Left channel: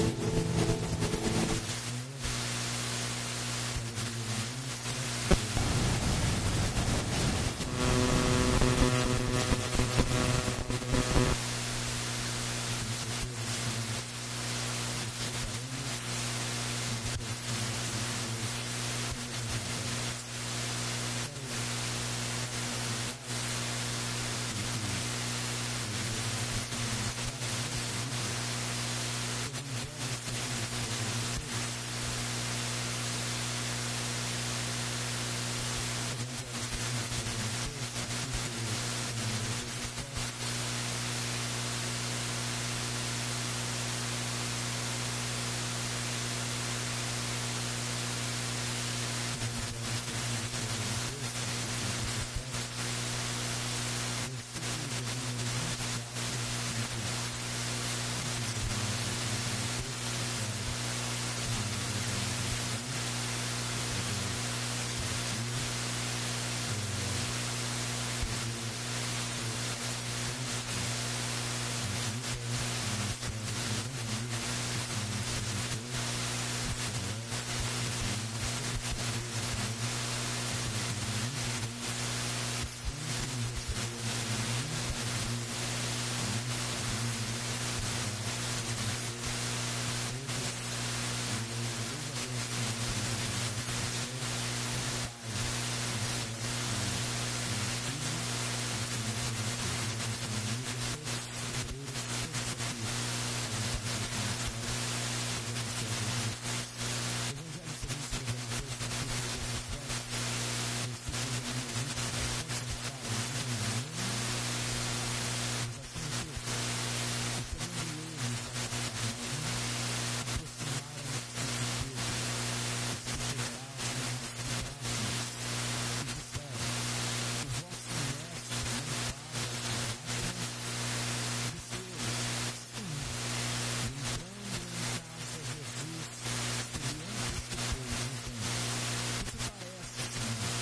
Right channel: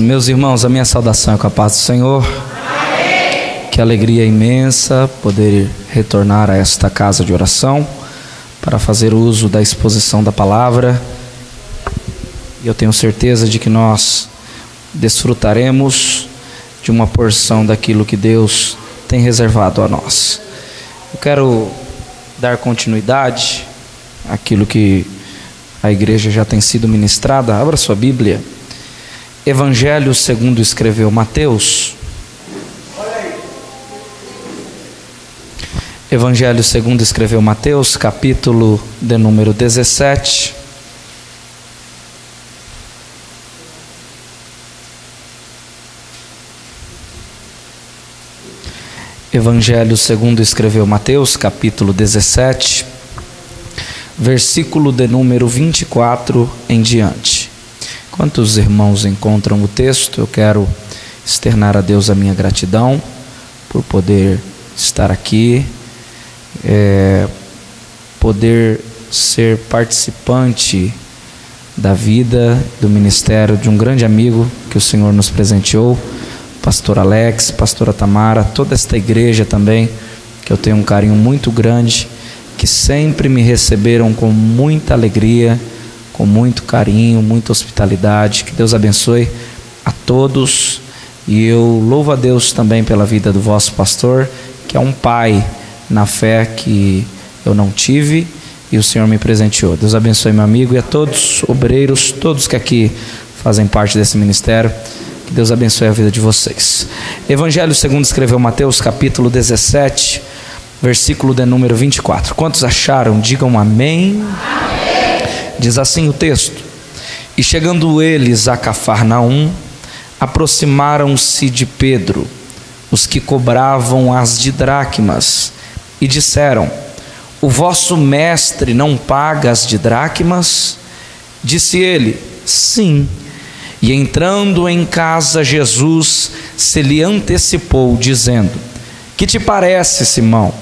Meus irmãos, a minha saudação é com a paz do Senhor. Que alegria imensa poder retornar a esta casa de oração para fazer uso da exposição da palavra. E eu tenho certeza de que nós desfrutaremos de uma porção daquilo que Deus tem reservado a nós. Eu quero dar continuidade àquilo que a igreja já tem sido ministrada. Abra sua Bíblia. Evangelho segundo escreveu Mateus. Evangelho segundo escreveu Mateus, capítulo de número 17. Evangelho segundo escreveu Mateus, capítulo 17, versículo de número 24 em diante. Enquanto os irmãos encontram o texto, eu quero externar a Deus a minha gratidão por poder estar aqui, poder ser participante da vida, do ministério de um grande amigo que o Senhor nos presenteou, pastor Alex, pastora Tamara, toda esta igreja também, que eu tenho um carinho muito grande, que sempre me receberam com muita alegria, com muito carinho, muita hospitalidade. Que Deus abençoe a todos. E eu louvo a Deus também pela vida do vosso pastor, que é um pai na fé que eu não tive e o Senhor me presenteou. Deus abençoe meu amigo e a todos, obreiros, todos que aqui fazem parte desse ministério. Que Deus abençoe a vida de vocês. Evangelho segundo escreveu Mateus, capítulo 17, versículo de número 24. Quantos acharam? Digam amém. Amém. Diz assim o texto: E chegando eles a Cafarnaum, aproximaram-se de Pedro os que cobravam as didracmas e disseram: O vosso mestre não paga as didracmas? Disse ele: Sim. E entrando em casa, Jesus se lhe antecipou, dizendo: Que te parece, Simão?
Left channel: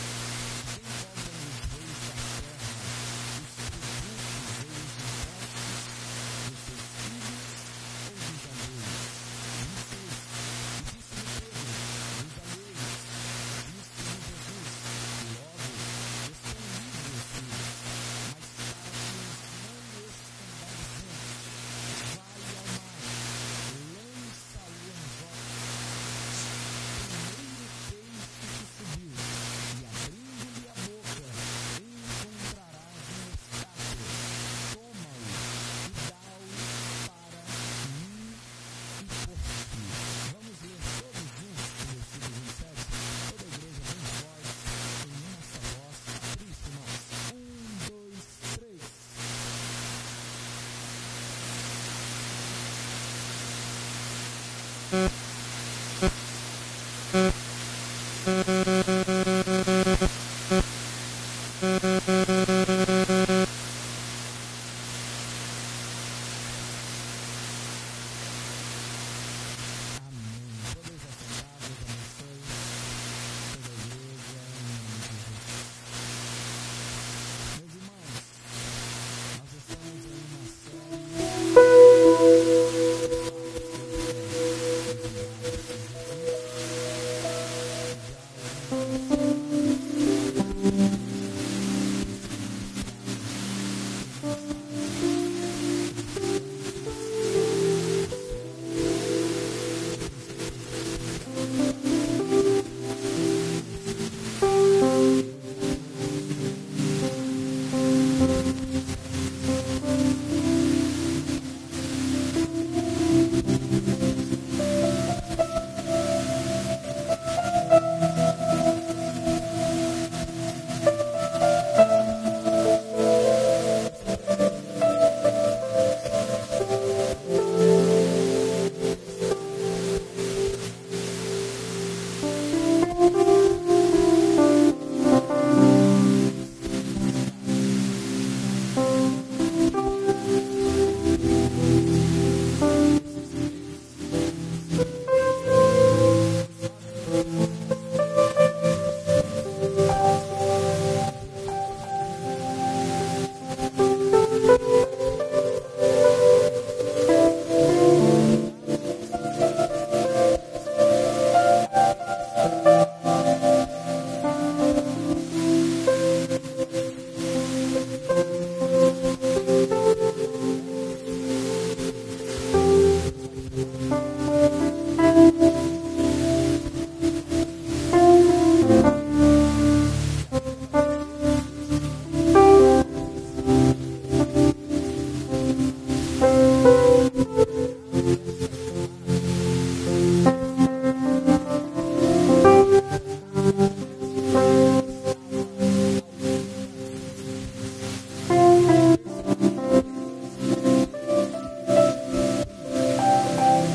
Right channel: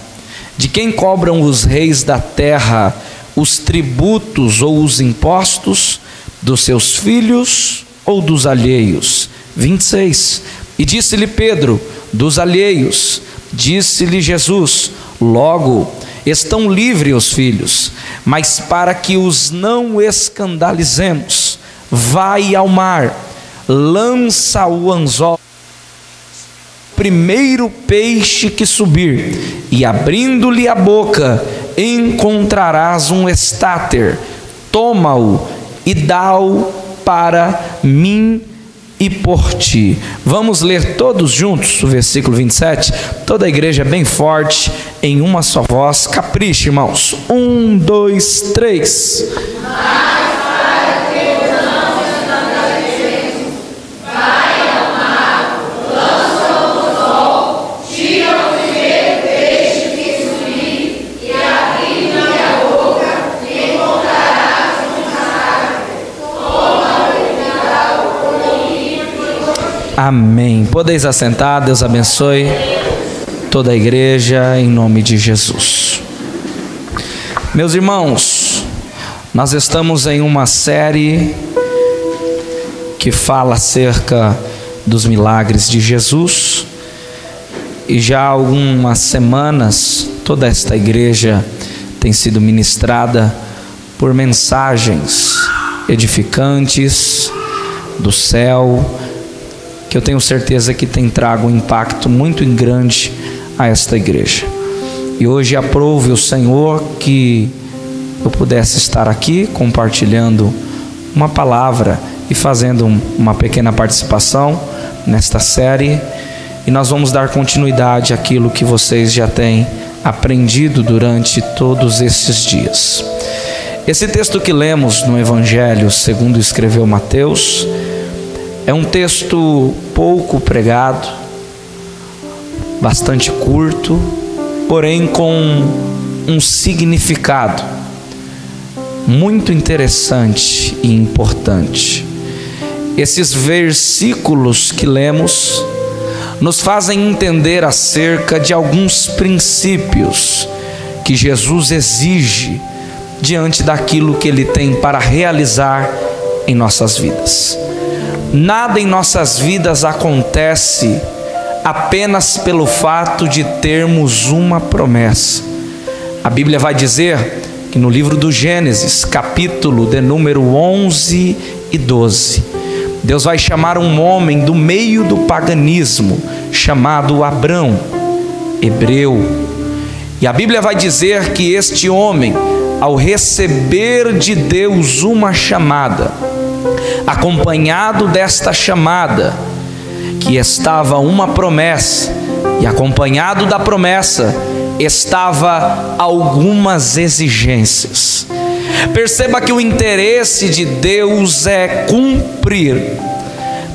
De quem cobram os reis da terra os tributos ou os impostos? Dos seus filhos ou dos alheios? 26. E disse-lhe Pedro: Dos alheios. Disse-lhe Jesus: Logo, estão livres os filhos, mas para que os não escandalizemos, vai ao mar, lança o anzol, primeiro peixe que subir, e abrindo-lhe a boca, encontrarás um estáter, toma-o e dá-o para mim e por ti. Vamos ler todos juntos o versículo 27, toda a igreja bem forte, em uma só voz. Capricha, irmãos. 1, 2, 3. Amém. Podeis assentar. Deus abençoe toda a igreja em nome de Jesus. Meus irmãos, nós estamos em uma série que fala acerca dos milagres de Jesus, e já há algumas semanas toda esta igreja tem sido ministrada por mensagens edificantes do céu, que eu tenho certeza que tem trago um impacto muito grande a esta igreja. E hoje aprove o Senhor que eu pudesse estar aqui compartilhando uma palavra e fazendo uma pequena participação nesta série, e nós vamos dar continuidade àquilo que vocês já têm aprendido durante todos esses dias. Esse texto que lemos no Evangelho segundo escreveu Mateus é um texto pouco pregado, bastante curto, porém com um significado muito interessante e importante. Esses versículos que lemos nos fazem entender acerca de alguns princípios que Jesus exige diante daquilo que Ele tem para realizar em nossas vidas. Nada em nossas vidas acontece apenas pelo fato de termos uma promessa. A Bíblia vai dizer que no livro do Gênesis, capítulo de número 11 e 12, Deus vai chamar um homem do meio do paganismo, chamado Abrão, hebreu. E a Bíblia vai dizer que este homem, ao receber de Deus uma chamada, acompanhado desta chamada, que estava uma promessa, e acompanhado da promessa estava algumas exigências. Perceba que o interesse de Deus é cumprir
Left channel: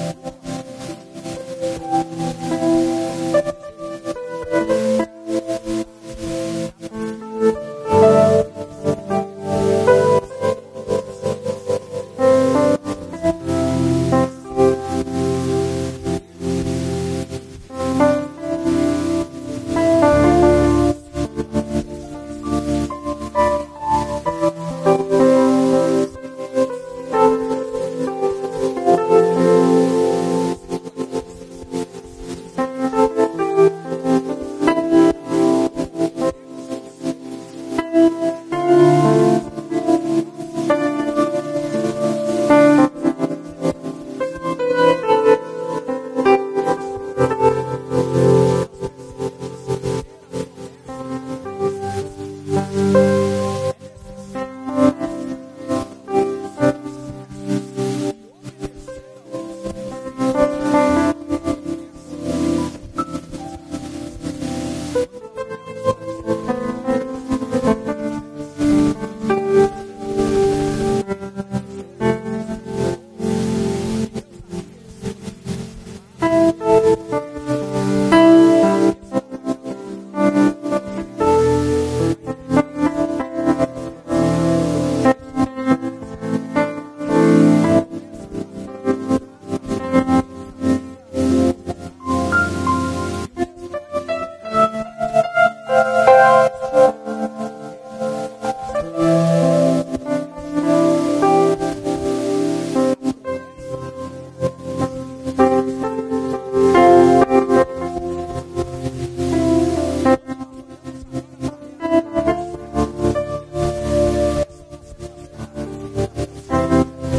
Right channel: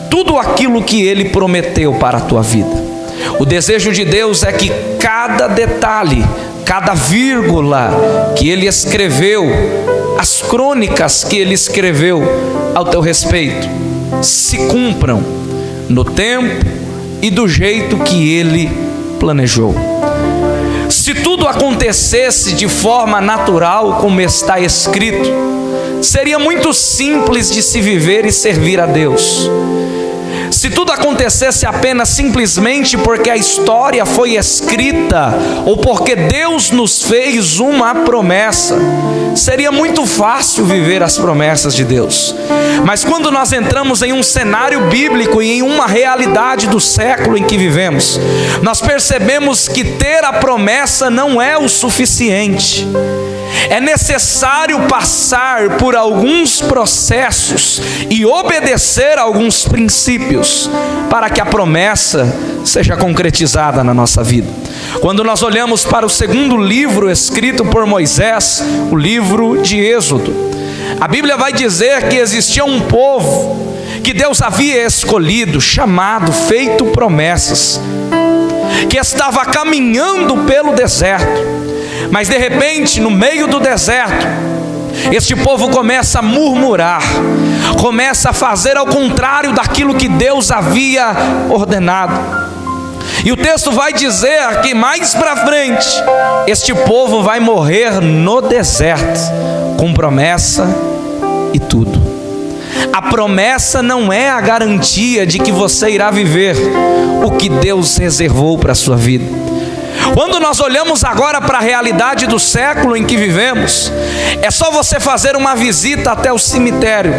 tudo aquilo que Ele prometeu para a tua vida. O desejo de Deus é que cada detalhe, cada vírgula que Ele escreveu, as crônicas que Ele escreveu ao teu respeito, se cumpram no tempo e do jeito que Ele planejou. Se tudo acontecesse de forma natural, como está escrito, seria muito simples de se viver e servir a Deus. Se tudo acontecesse apenas simplesmente porque a história foi escrita ou porque Deus nos fez uma promessa, seria muito fácil viver as promessas de Deus. Mas quando nós entramos em um cenário bíblico e em uma realidade do século em que vivemos, nós percebemos que ter a promessa não é o suficiente. É necessário passar por alguns processos e obedecer a alguns princípios para que a promessa seja concretizada na nossa vida. Quando nós olhamos para o segundo livro escrito por Moisés, o livro de Êxodo, a Bíblia vai dizer que existia um povo que Deus havia escolhido, chamado, feito promessas, que estava caminhando pelo deserto. Mas de repente, no meio do deserto, este povo começa a murmurar, começa a fazer ao contrário daquilo que Deus havia ordenado. E o texto vai dizer que mais para frente, este povo vai morrer no deserto, com promessa e tudo. A promessa não é a garantia de que você irá viver o que Deus reservou para a sua vida. Quando nós olhamos agora para a realidade do século em que vivemos, é só você fazer uma visita até o cemitério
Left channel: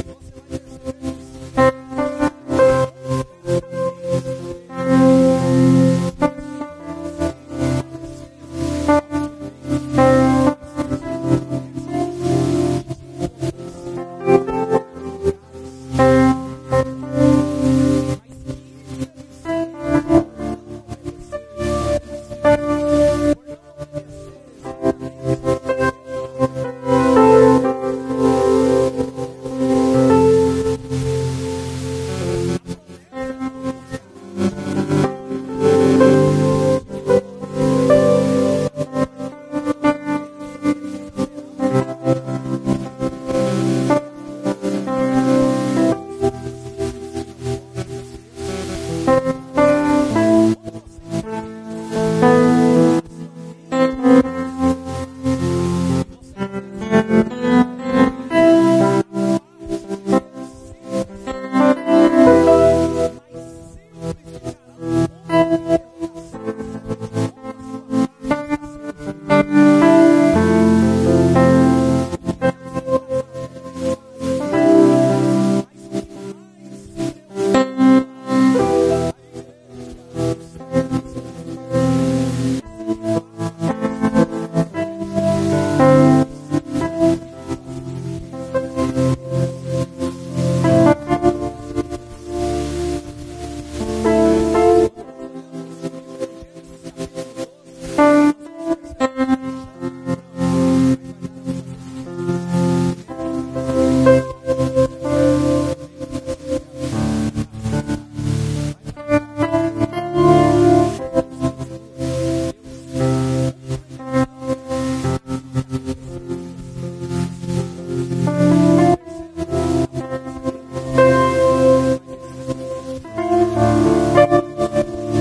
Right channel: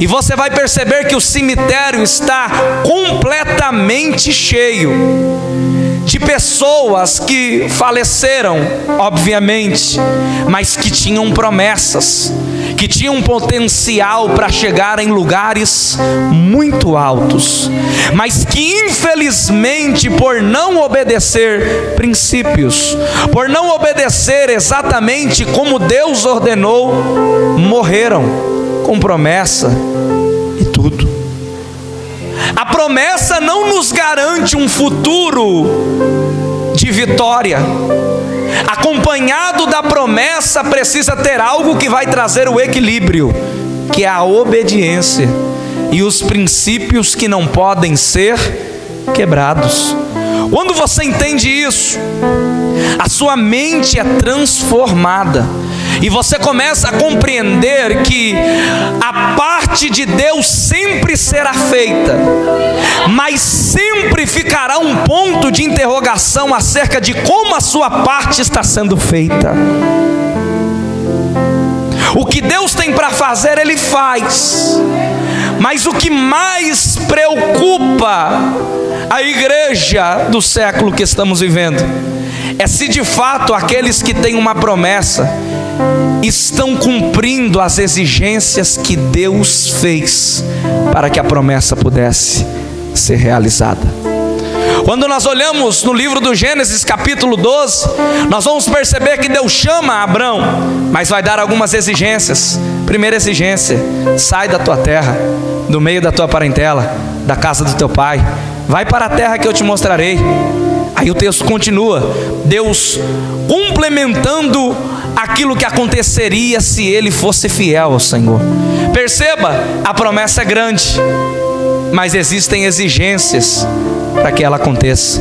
e você vai perceber que o cemitério está completamente cheio de pessoas que faleceram, obviamente, mas que tinham promessas, que tinham potencial para chegar em lugares muito altos, mas que infelizmente, por não obedecer princípios, por não obedecer exatamente como Deus ordenou, morreram com promessa e tudo. A promessa não nos garante um futuro de vitória. Acompanhado da promessa precisa ter algo que vai trazer o equilíbrio, que é a obediência e os princípios que não podem ser quebrados. Quando você entende isso, a sua mente é transformada e você começa a compreender que a parte de Deus sempre será feita, mas sempre ficará um ponto de interrogação acerca de como a sua parte está sendo feita. O que Deus tem para fazer, Ele faz. Mas o que mais preocupa a igreja do século que estamos vivendo é se de fato aqueles que têm uma promessa estão cumprindo as exigências que Deus fez para que a promessa pudesse ser realizada. Quando nós olhamos no livro do Gênesis capítulo 12, nós vamos perceber que Deus chama Abrão, mas vai dar algumas exigências. Primeira exigência: sai da tua terra, do meio da tua parentela, da casa do teu pai, vai para a terra que eu te mostrarei. Aí o texto continua, Deus complementando aquilo que aconteceria se ele fosse fiel ao Senhor. Perceba, a promessa é grande, mas existem exigências para que ela aconteça.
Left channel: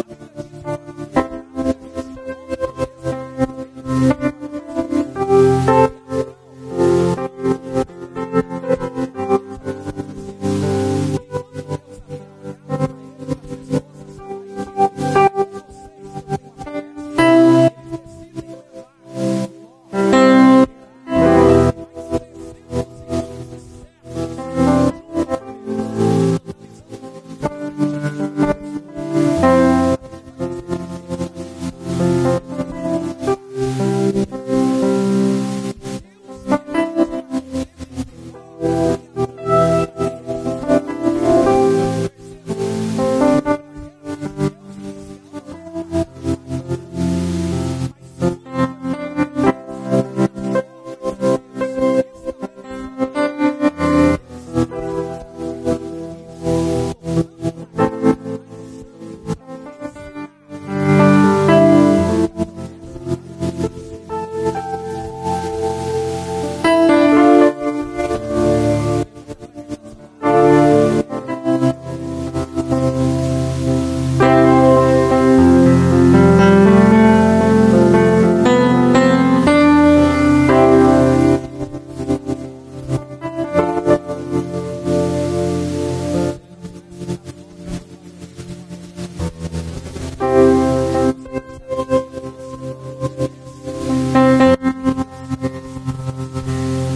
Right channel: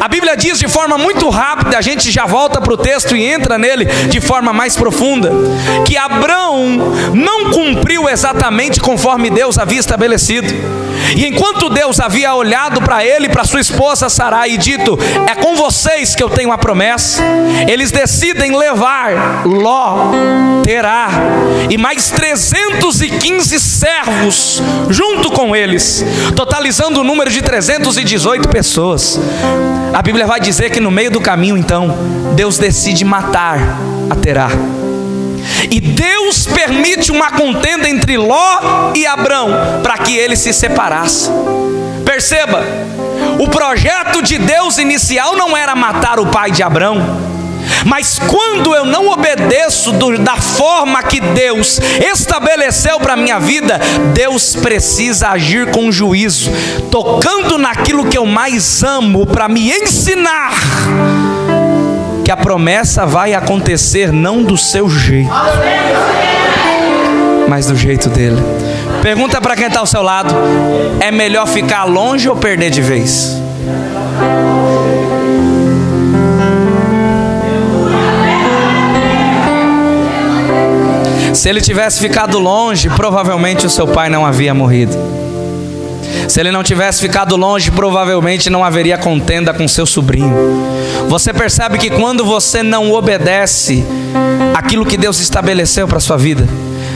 A Bíblia diz de forma muito rápida, a gente já volta para o texto e entra nele de forma mais profunda, que Abrão não cumpriu exatamente conforme Deus havia estabelecido. E enquanto Deus havia olhado para ele e para sua esposa Sarai e dito: é com vocês que eu tenho a promessa, eles decidem levar Ló, Terá e mais 315 servos junto com eles, totalizando o número de 318 pessoas. A Bíblia vai dizer que no meio do caminho, então, Deus decide matar a Terá. E Deus permite uma contenda entre Ló e Abrão para que eles se separassem. Perceba, o projeto de Deus inicial não era matar o pai de Abrão, mas quando eu não obedeço da forma que Deus estabeleceu para a minha vida, Deus precisa agir com juízo, tocando naquilo que eu mais amo, para me ensinar que a promessa vai acontecer não do seu jeito, mas do jeito dele. Pergunta para quem está ao seu lado: é melhor ficar longe ou perder de vez? Se ele tivesse ficado longe, provavelmente o seu pai não havia morrido. Se ele não tivesse ficado longe, provavelmente não haveria contenda com seu sobrinho. Você percebe que quando você não obedece aquilo que Deus estabeleceu para a sua vida,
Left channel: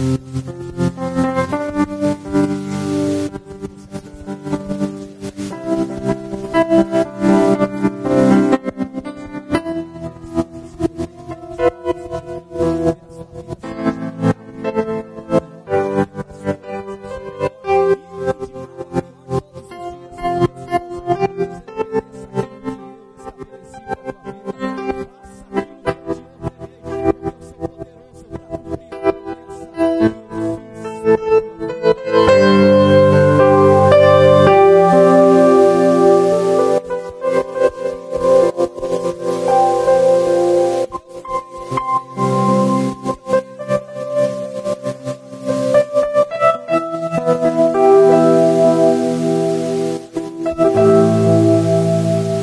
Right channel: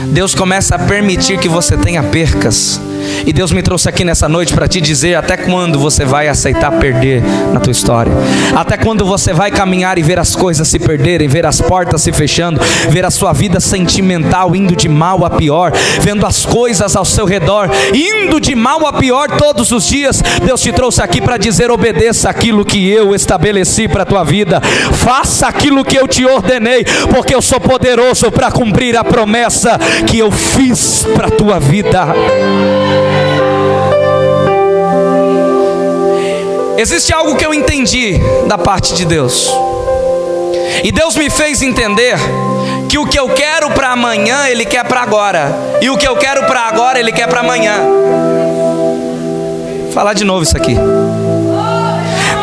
Deus começa a permitir que você tenha percas. E Deus me trouxe aqui nessa noite para te dizer até quando você vai aceitar perder na tua história. Até quando você vai caminhar e ver as coisas se perderem, ver as portas se fechando, ver a sua vida sentimental indo de mal a pior, vendo as coisas ao seu redor indo de mal a pior todos os dias. Deus te trouxe aqui para dizer: obedeça aquilo que eu estabeleci para a tua vida, faça aquilo que eu te ordenei, porque eu sou poderoso para cumprir a promessa que eu fiz para a tua vida. Existe algo que eu entendi da parte de Deus, e Deus me fez entender que o que eu quero para amanhã, Ele quer para agora, e o que eu quero para agora, Ele quer para amanhã. Vou falar de novo isso aqui.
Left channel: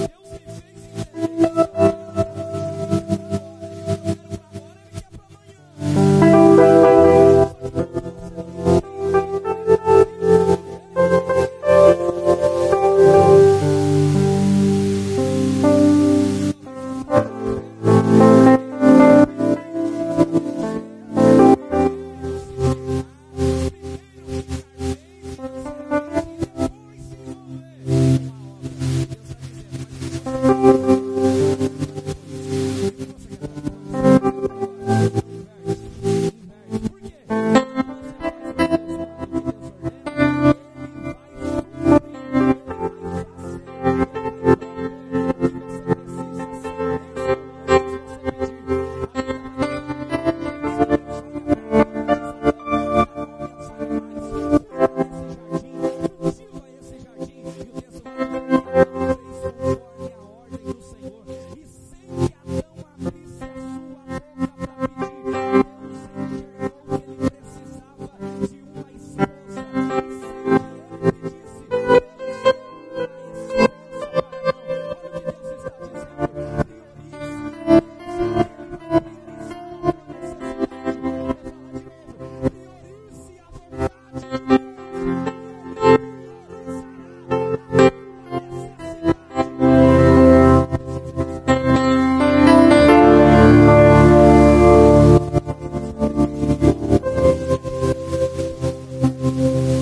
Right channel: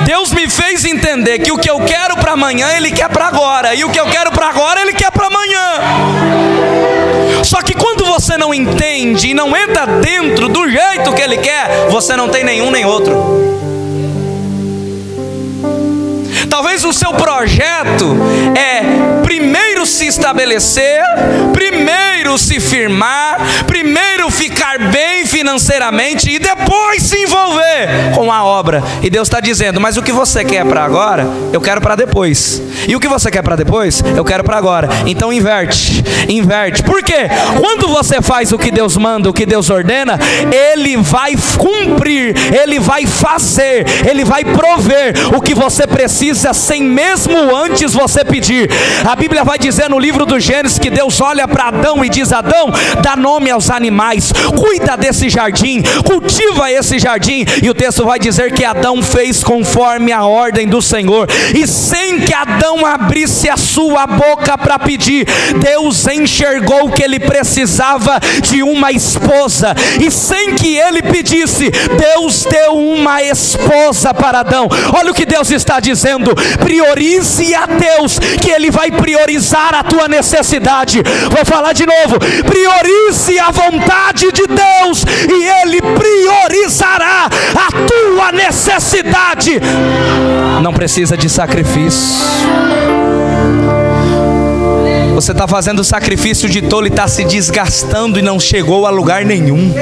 Deus me fez entender que o que eu quero para amanhã, Ele quer para agora, e o que eu quero para agora, Ele quer para amanhã. Só que quando você não entende e não entra dentro do jeito que Ele quer, você não tem nenhum nem outro. Talvez o seu projeto é primeiro se estabelecer, primeiro se firmar, primeiro ficar bem financeiramente e depois se envolver com a obra. E Deus está dizendo: mas o que você quer para agora, eu quero para depois. E o que você quer para depois, eu quero para agora. Então inverte. Por quê? Quando você faz o que Deus manda, o que Deus ordena, Ele vai cumprir, Ele vai fazer, Ele vai prover o que você precisa sem mesmo antes você pedir. A Bíblia vai dizer no livro do Gênesis que Deus olha para Adão e diz: Adão, dá nome aos animais, cuida desse jardim, cultiva esse jardim. E o texto vai dizer que Adão fez conforme a ordem do Senhor, e sem que Adão abrisse a sua boca para pedir, Deus enxergou que ele precisava de uma esposa, e sem que ele pedisse, Deus deu uma esposa para Adão. Olha o que Deus está dizendo: priorize a Deus, que Ele vai priorizar a tua necessidade. Vou falar de novo: priorize a vontade de Deus e Ele priorizará a tua necessidade. Não precisa de sacrifício. Você está fazendo sacrifício de tolo e está se desgastando e não chegou a lugar nenhum.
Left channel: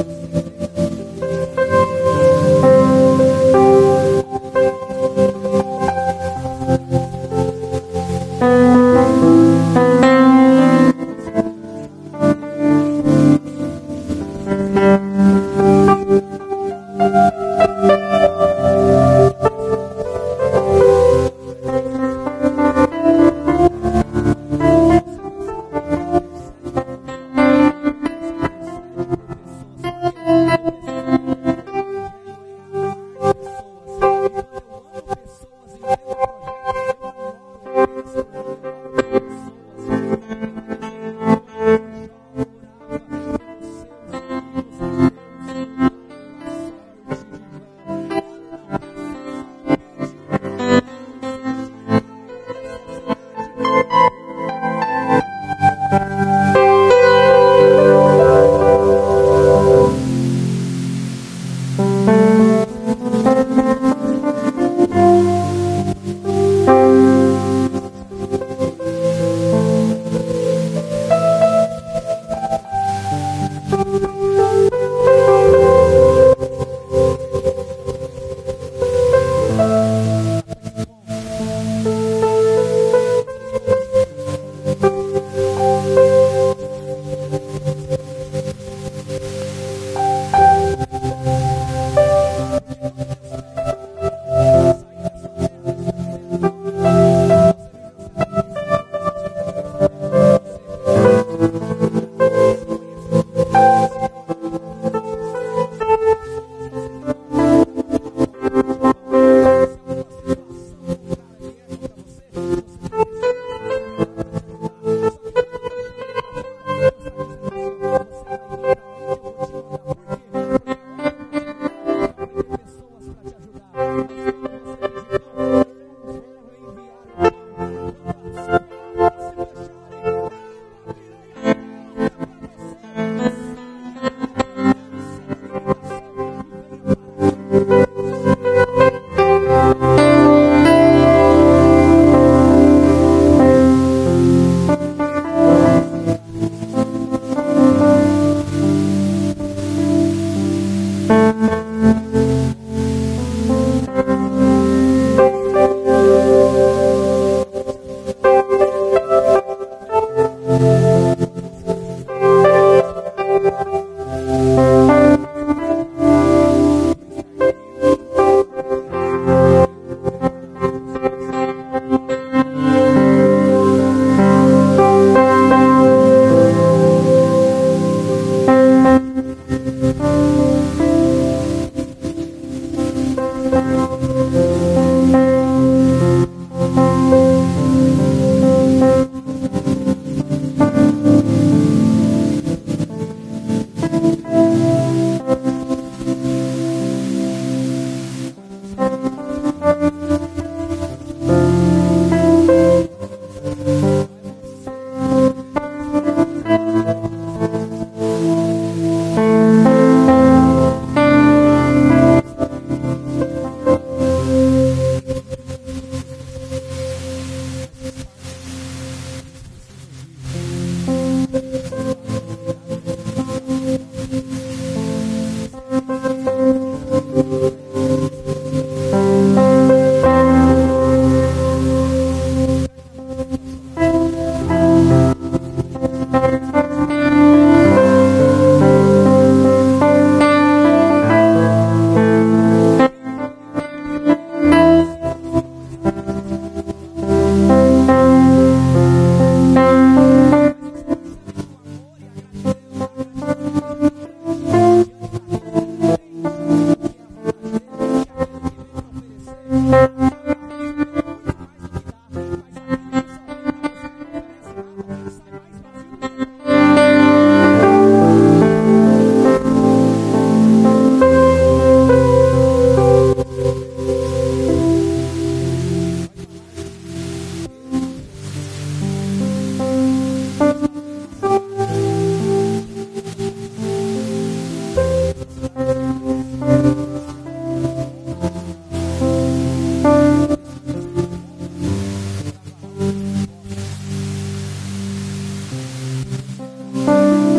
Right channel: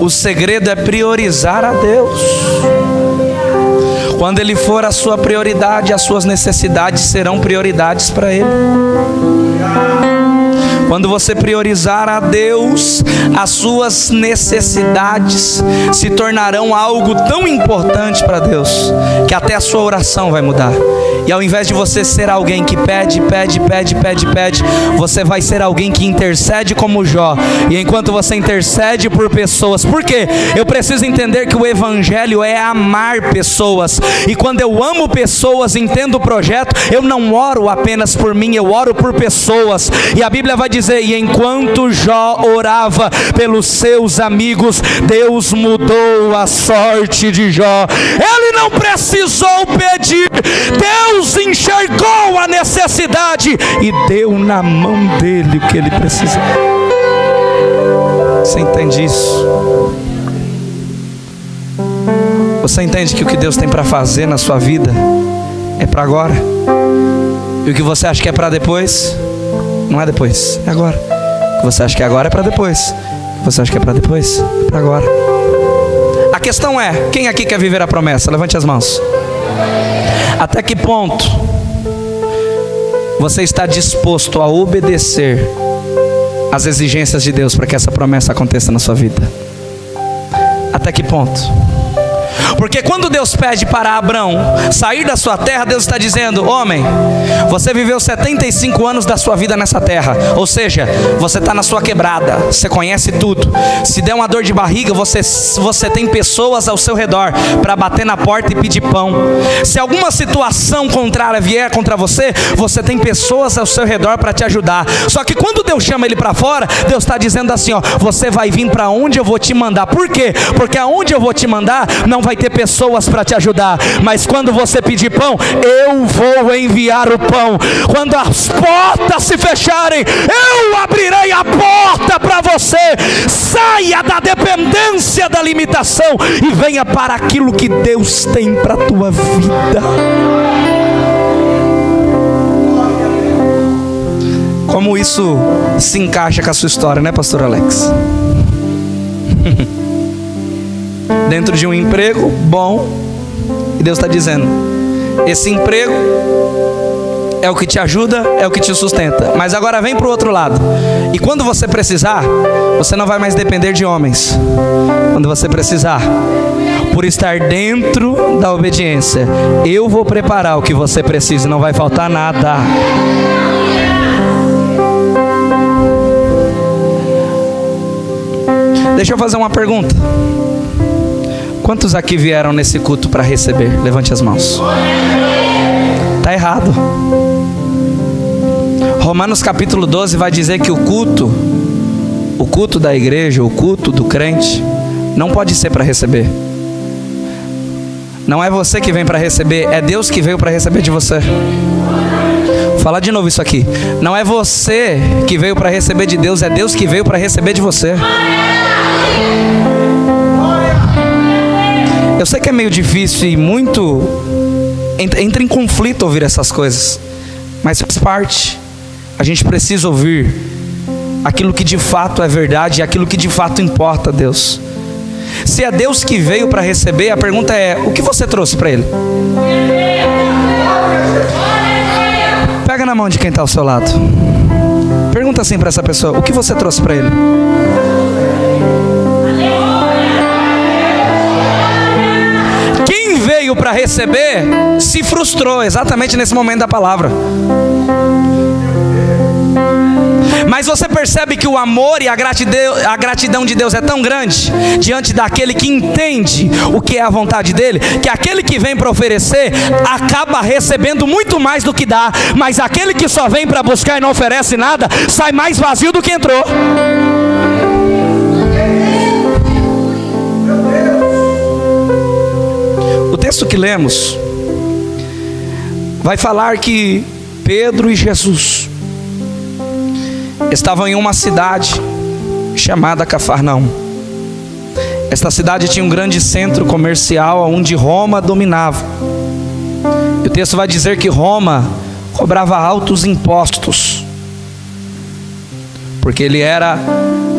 O segredo é priorizar a Deus. Quando Ele for a sua prioridade, as suas necessidades serão prioridades para Ele. Quando você priorizar a Deus, as suas necessidades se tornarão algo tão importante para Deus, que até a sua oração vai mudar. E ao invés de você ser alguém que pede, você vai ser alguém que intercede como Jó. E enquanto você intercede por pessoas, por quê? Eu preciso entender que o Evangelho é amar pessoas. E quando eu amo pessoas, entendo o projeto, eu não oro apenas por mim, eu oro por pessoas. E a Bíblia vai dizer dizer, e enquanto Jó orava pelos seus amigos, Deus mudou a sorte de Jó. Ele não precisou pedir, Deus enxergou a necessidade e deu na mão dele o que ele precisava. Você entende isso? Você entende que o que Deus tem para fazer na sua vida é para agora? E o que você acha que é para depois, não é depois, é agora. O que você acha que agora é para depois, o que você acha que é para depois, é para agora. A questão é, quem aqui quer viver a promessa? Levante as mãos. Até que ponto você está disposto a obedecer às exigências de Deus para que essa promessa aconteça na sua vida? Até que ponto? Porque quando Deus pede para Abrão sair da sua terra, Deus está dizendo: homem, você viveu 75 anos da sua vida nessa terra. Ou seja, você está na sua quebrada, você conhece tudo. Se der uma dor de barriga, você tem pessoas ao seu redor para bater na porta e pedir pão. Se alguma situação contrária vier contra você, você tem pessoas ao seu redor para te ajudar. Só que quando Deus chama ele para fora, Deus está dizendo assim: ó, você vai vir para onde eu vou te mandar. Por quê? Porque aonde eu vou te mandar não vai ter pessoas para te ajudar, mas quando você pedir pão, eu vou enviar o pão. Quando as portas se fecharem, eu abrirei a porta para você. Saia da dependência, da limitação e venha para aquilo que Deus tem para a tua vida. Como isso se encaixa com a sua história, né, pastor Alex? Dentro de um emprego bom, e Deus está dizendo: esse emprego é o que te ajuda, é o que te sustenta, mas agora vem para o outro lado, e quando você precisar, você não vai mais depender de homens. Quando você precisar, por estar dentro da obediência, eu vou preparar o que você precisa, não vai faltar nada. Deixa eu fazer uma pergunta. Quantos aqui vieram nesse culto para receber? Levante as mãos. Está errado. Romanos capítulo 12 vai dizer que o culto da igreja, o culto do crente, não pode ser para receber. Não é você que vem para receber, é Deus que veio para receber de você. Vou falar de novo isso aqui. Não é você que veio para receber de Deus, é Deus que veio para receber de você. Eu sei que é meio difícil e muito entra em conflito ouvir essas coisas, mas faz parte. A gente precisa ouvir aquilo que de fato é verdade e aquilo que de fato importa a Deus. Se é Deus que veio para receber, a pergunta é: o que você trouxe para Ele? Pega na mão de quem está ao seu lado. Pergunta assim para essa pessoa: o que você trouxe para Ele? Quem veio para receber se frustrou exatamente nesse momento da palavra. Mas você percebe que o amor e a gratidão de Deus é tão grande diante daquele que entende o que é a vontade dele, que aquele que vem para oferecer acaba recebendo muito mais do que dá, mas aquele que só vem para buscar e não oferece nada sai mais vazio do que entrou. O texto que lemos vai falar que Pedro e Jesus estavam em uma cidade chamada Cafarnaum. Esta cidade tinha um grande centro comercial onde Roma dominava. E o texto vai dizer que Roma cobrava altos impostos, porque ele era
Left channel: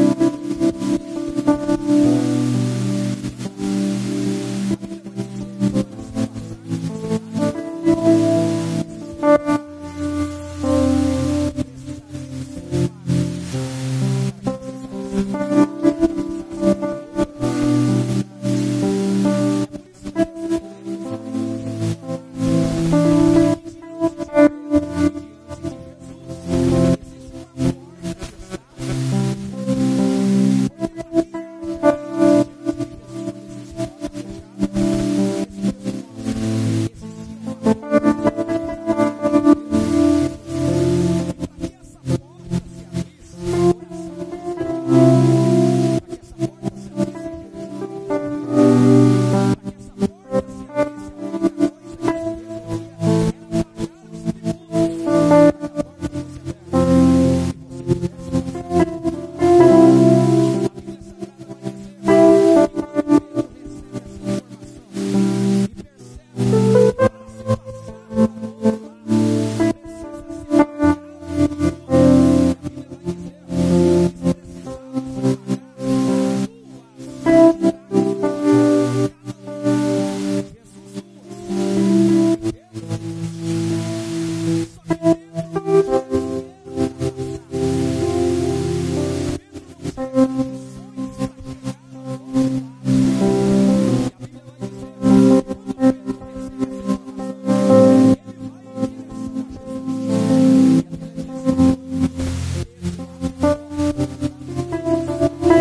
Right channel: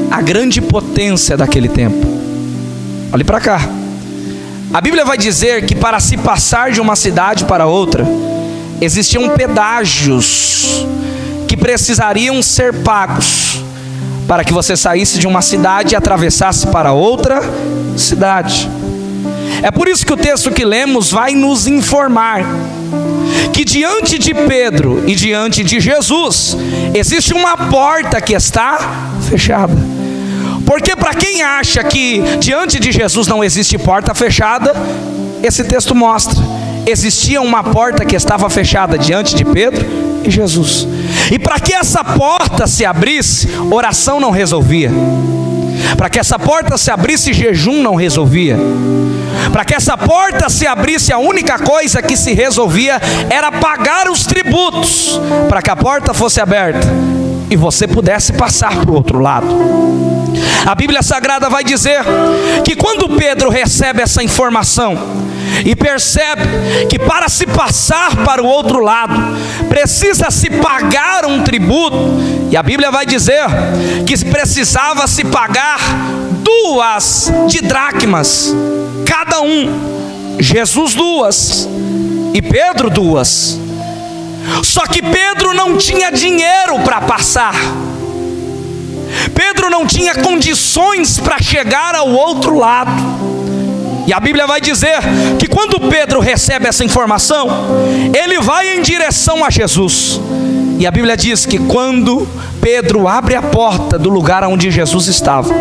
a grande potência daquele tempo. Olhe para cá. A Bíblia vai dizer que para se passar de uma cidade para outra, existiam pedágios que precisariam ser pagos para que você saísse de uma cidade e atravessasse para outra cidade. É por isso que o texto que lemos vai nos informar que diante de Pedro e diante de Jesus existe uma porta que está fechada. Porque para quem acha que diante de Jesus não existe porta fechada, esse texto mostra existia uma porta que estava fechada diante de Pedro e Jesus. E para que essa porta se abrisse, oração não resolvia. Para que essa porta se abrisse, jejum não resolvia. Para que essa porta se abrisse, a única coisa que se resolvia era pagar os tributos, para que a porta fosse aberta e você pudesse passar para o outro lado. A Bíblia Sagrada vai dizer que quando Pedro recebe essa informação e percebe que para se passar para o outro lado precisa se pagar um tributo, e a Bíblia vai dizer que precisava se pagar 2 dracmas cada um, Jesus 2 e Pedro 2. Só que Pedro não tinha dinheiro para passar. Pedro não tinha condições para chegar ao outro lado. E a Bíblia vai dizer que quando Pedro recebe essa informação, ele vai em direção a Jesus. E a Bíblia diz que quando Pedro abre a porta do lugar onde Jesus estava,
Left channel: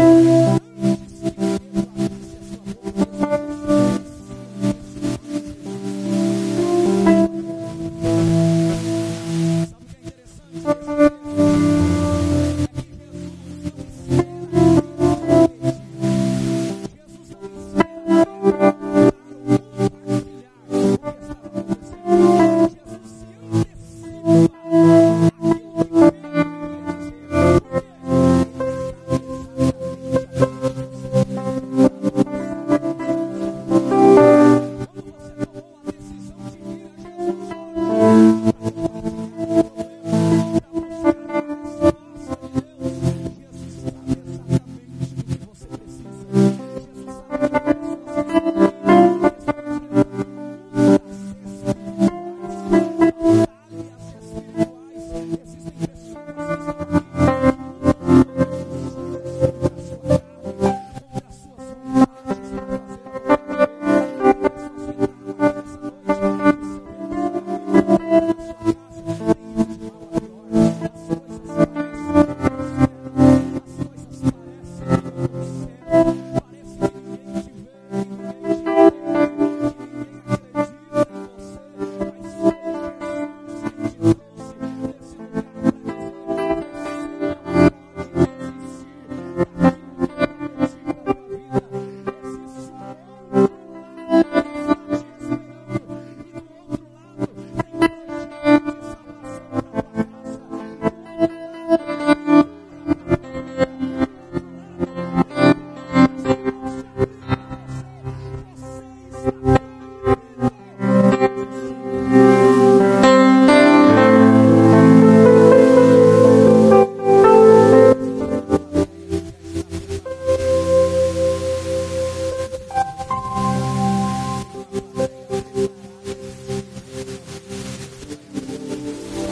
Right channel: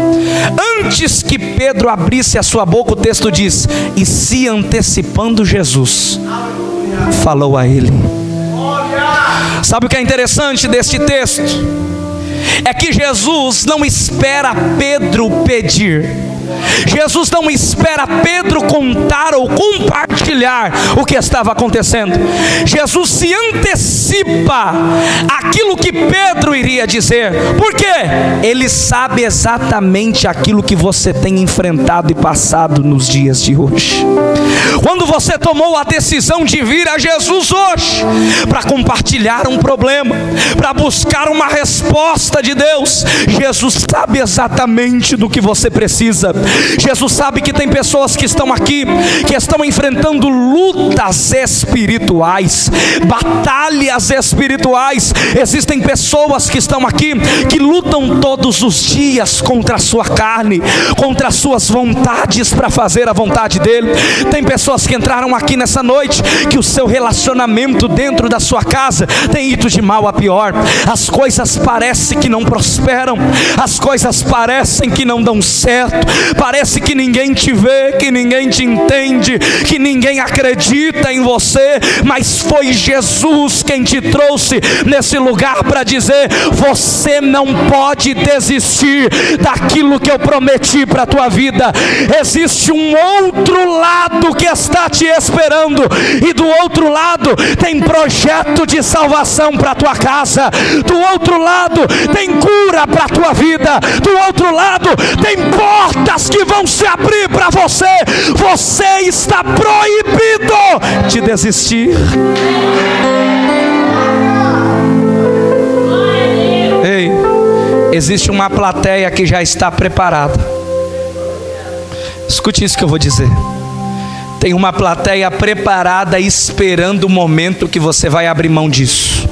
antes que Pedro abrisse a sua boca, o texto diz: e se antecipando Jesus, falou a ele. Sabe o que é interessante deste texto? É que Jesus não espera Pedro pedir. Jesus não espera Pedro contar ou compartilhar o que estava acontecendo. Jesus se antecipa aquilo que Pedro iria dizer. Por quê? Ele sabe exatamente aquilo que você tem enfrentado e passado nos dias de hoje. Quando você tomou a decisão de vir a Jesus hoje para compartilhar um problema, para buscar uma resposta de Deus, Jesus sabe exatamente do que você precisa. Jesus sabe que tem pessoas que estão aqui, que estão enfrentando lutas espirituais, batalhas espirituais. Existem pessoas que estão aqui, que lutam todos os dias contra a sua carne, contra as suas vontades para fazer a vontade dele. Tem pessoas que entraram aqui nessa noite, que o seu relacionamento dentro da sua casa tem ido de mal a pior. As coisas parecem que não prosperam, as coisas parecem que não dão certo, parece que ninguém te vê, que ninguém te entende, que ninguém acredita em você, mas foi Jesus quem te trouxe nesse lugar para dizer: você não pode desistir daquilo que eu prometi para a tua vida. Existe um outro lado que está te esperando, e do outro lado tem projeto de salvação para a tua casa, do outro lado tem cura para a tua vida, do outro lado tem portas que vão se abrir para você. Você está proibido de desistir. Ei, existe uma plateia que já está preparada. Escute isso que eu vou dizer. Tem uma plateia preparada esperando o momento que você vai abrir mão disso.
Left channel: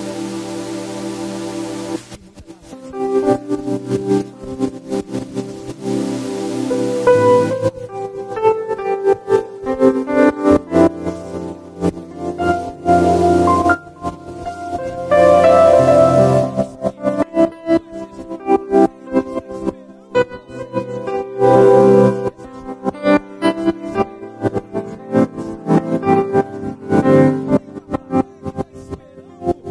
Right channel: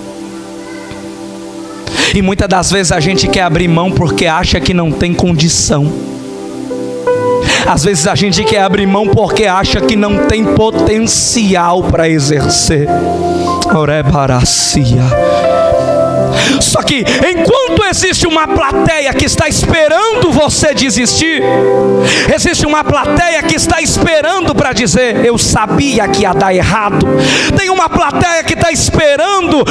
E muitas das vezes a gente quer abrir mão porque acha que não tem condição. Às vezes a gente quer abrir mão porque acha que não tem potencial para exercer. Só que enquanto existe uma plateia que está esperando você desistir, existe uma plateia que está esperando para dizer: eu sabia que ia dar errado. Tem uma plateia que está esperando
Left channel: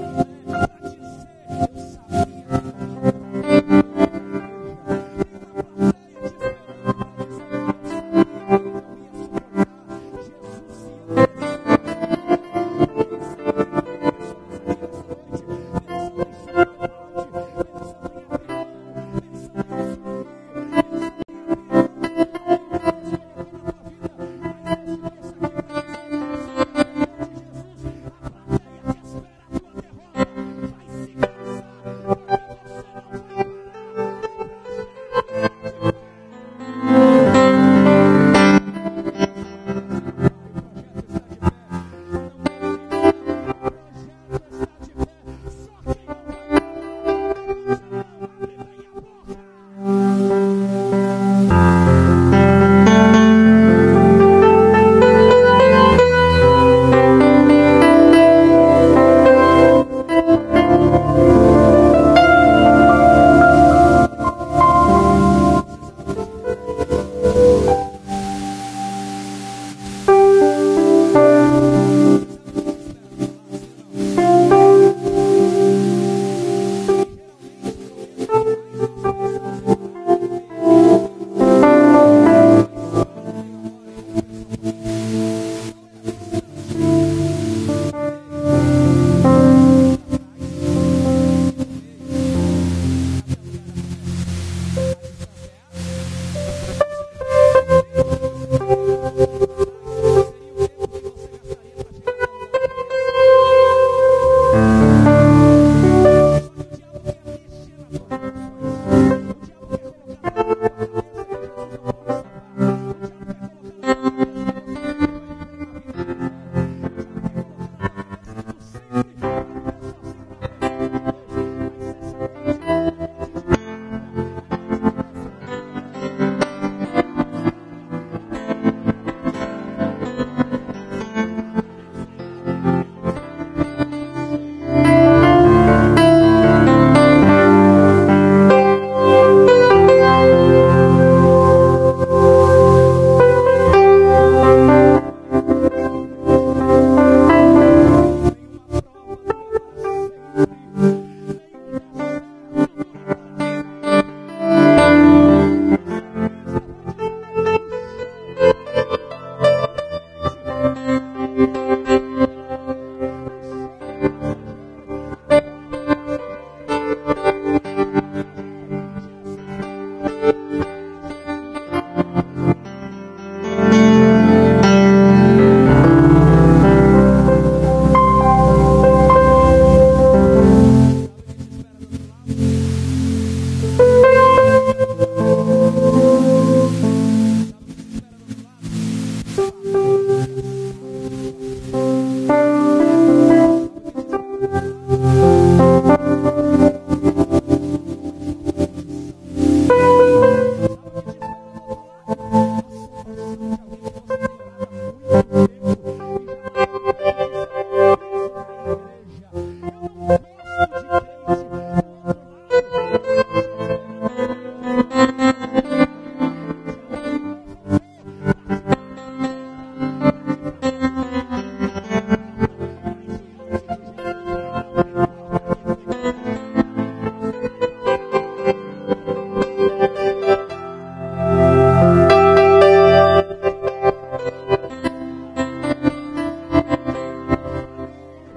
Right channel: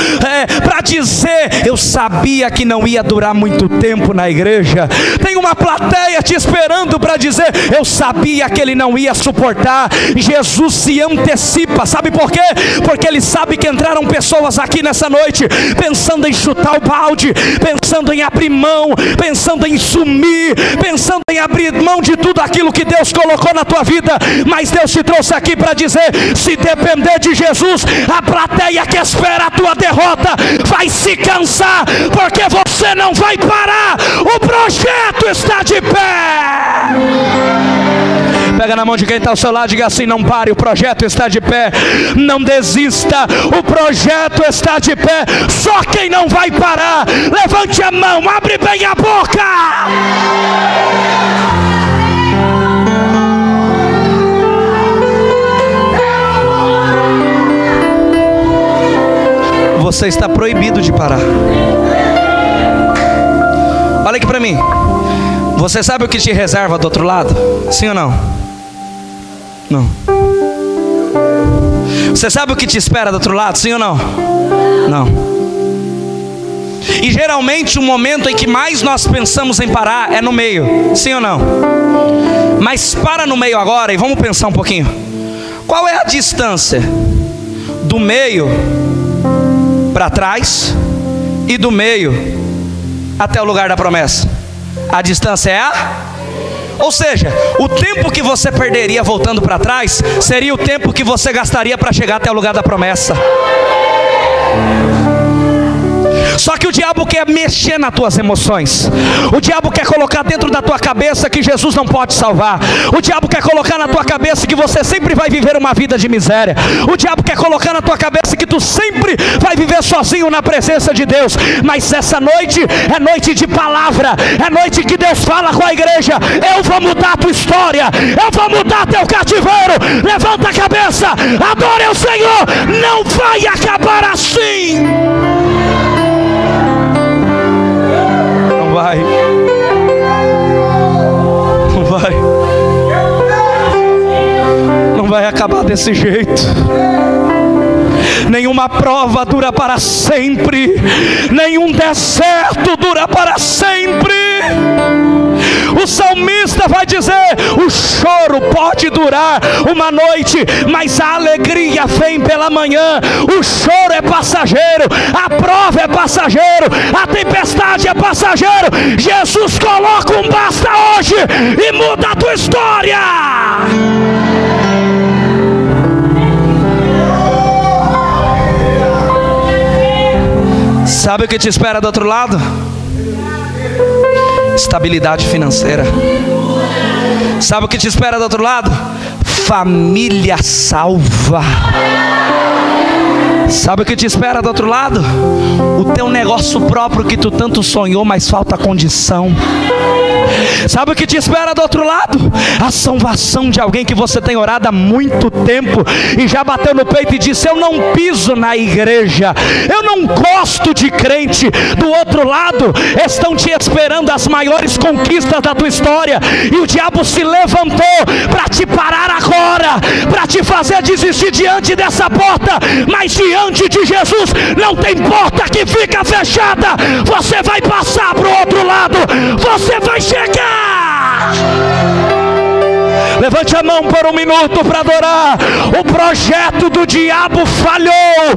para dizer: eu sabia que não ia durar muito tempo na igreja. Tem uma plateia te esperando para dizer: eu sabia que ele não ia suportar. Jesus se antecipa. Sabe por quê? Porque ele sabe que entraram pessoas aqui nessa noite pensando em chutar o balde, pensando em abrir mão, pensando em sumir, pensando em abrir mão de tudo aquilo que Deus colocou na tua vida. Mas Deus te trouxe aqui para dizer: se depender de Jesus, a plateia que espera a tua derrota vai se cansar, porque você não vai parar. O projeto está de pé. Pega na mão de quem está ao seu lado e diga assim: não pare, o projeto está de pé. Não desista, o projeto está de pé. Só quem não vai parar, levante a mão, abre bem a boca. Você está proibido de parar. Olha aqui para mim. Você sabe o que te reserva do outro lado? Sim ou não? Não. Você sabe o que te espera do outro lado, sim ou não? Não. E geralmente o momento em que mais nós pensamos em parar é no meio, sim ou não? Mas para no meio agora e vamos pensar um pouquinho. Qual é a distância do meio para trás e do meio até o lugar da promessa? A distância é ou seja, o tempo que você perderia voltando para trás seria o tempo que você gastaria para chegar até o lugar da promessa. Só que o diabo quer mexer nas tuas emoções. O diabo quer colocar dentro da tua cabeça que Jesus não pode salvar. O diabo quer colocar na tua cabeça que você sempre vai viver uma vida de miséria. O diabo quer colocar na tua cabeça que tu sempre vai viver sozinho na presença de Deus. Mas essa noite é noite de palavra. É noite que Deus fala com a igreja: eu vou mudar a tua história, eu vou mudar teu cativeiro. Levanta a cabeça, adore ao Senhor. Não vai acabar assim. Desse jeito, nenhuma prova dura para sempre, nenhum deserto dura para sempre. O salmista vai dizer: o choro pode durar uma noite, mas a alegria vem pela manhã. O choro é passageiro, a prova é passageiro, a tempestade é passageiro. Jesus coloca um basta hoje e muda a tua história. Sabe o que te espera do outro lado? Estabilidade financeira. Sabe o que te espera do outro lado? Família salva. Sabe o que te espera do outro lado? O teu negócio próprio que tu tanto sonhou, mas falta condição. Sabe o que te espera do outro lado? A salvação de alguém que você tem orado há muito tempo e já bateu no peito e disse: eu não piso na igreja, eu não gosto de crente. Do outro lado estão te esperando as maiores conquistas da tua história, e o diabo se levantou para te parar agora, para te fazer desistir diante dessa porta. Mas diante de Jesus não tem porta que fica fechada. Você vai passar para o outro lado, você vai chegar. Levante a mão por um minuto para adorar. O projeto do diabo falhou,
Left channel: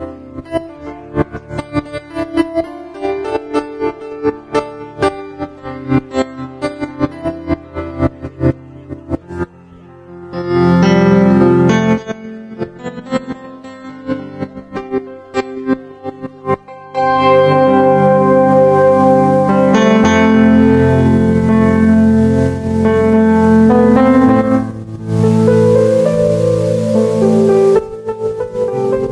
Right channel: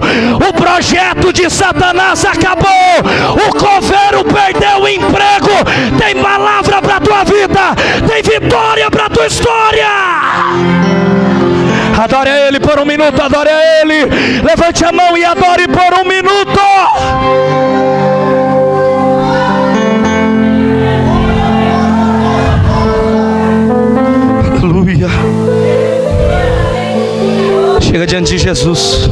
o projeto de Satanás acabou, o coveiro perdeu o emprego. Tem palavra para a tua vida, tem vitória para a tua história. Adore a Ele por um minuto, adore a Ele. Levante a mão e adore por um minuto. Aleluia. Chega diante de Jesus.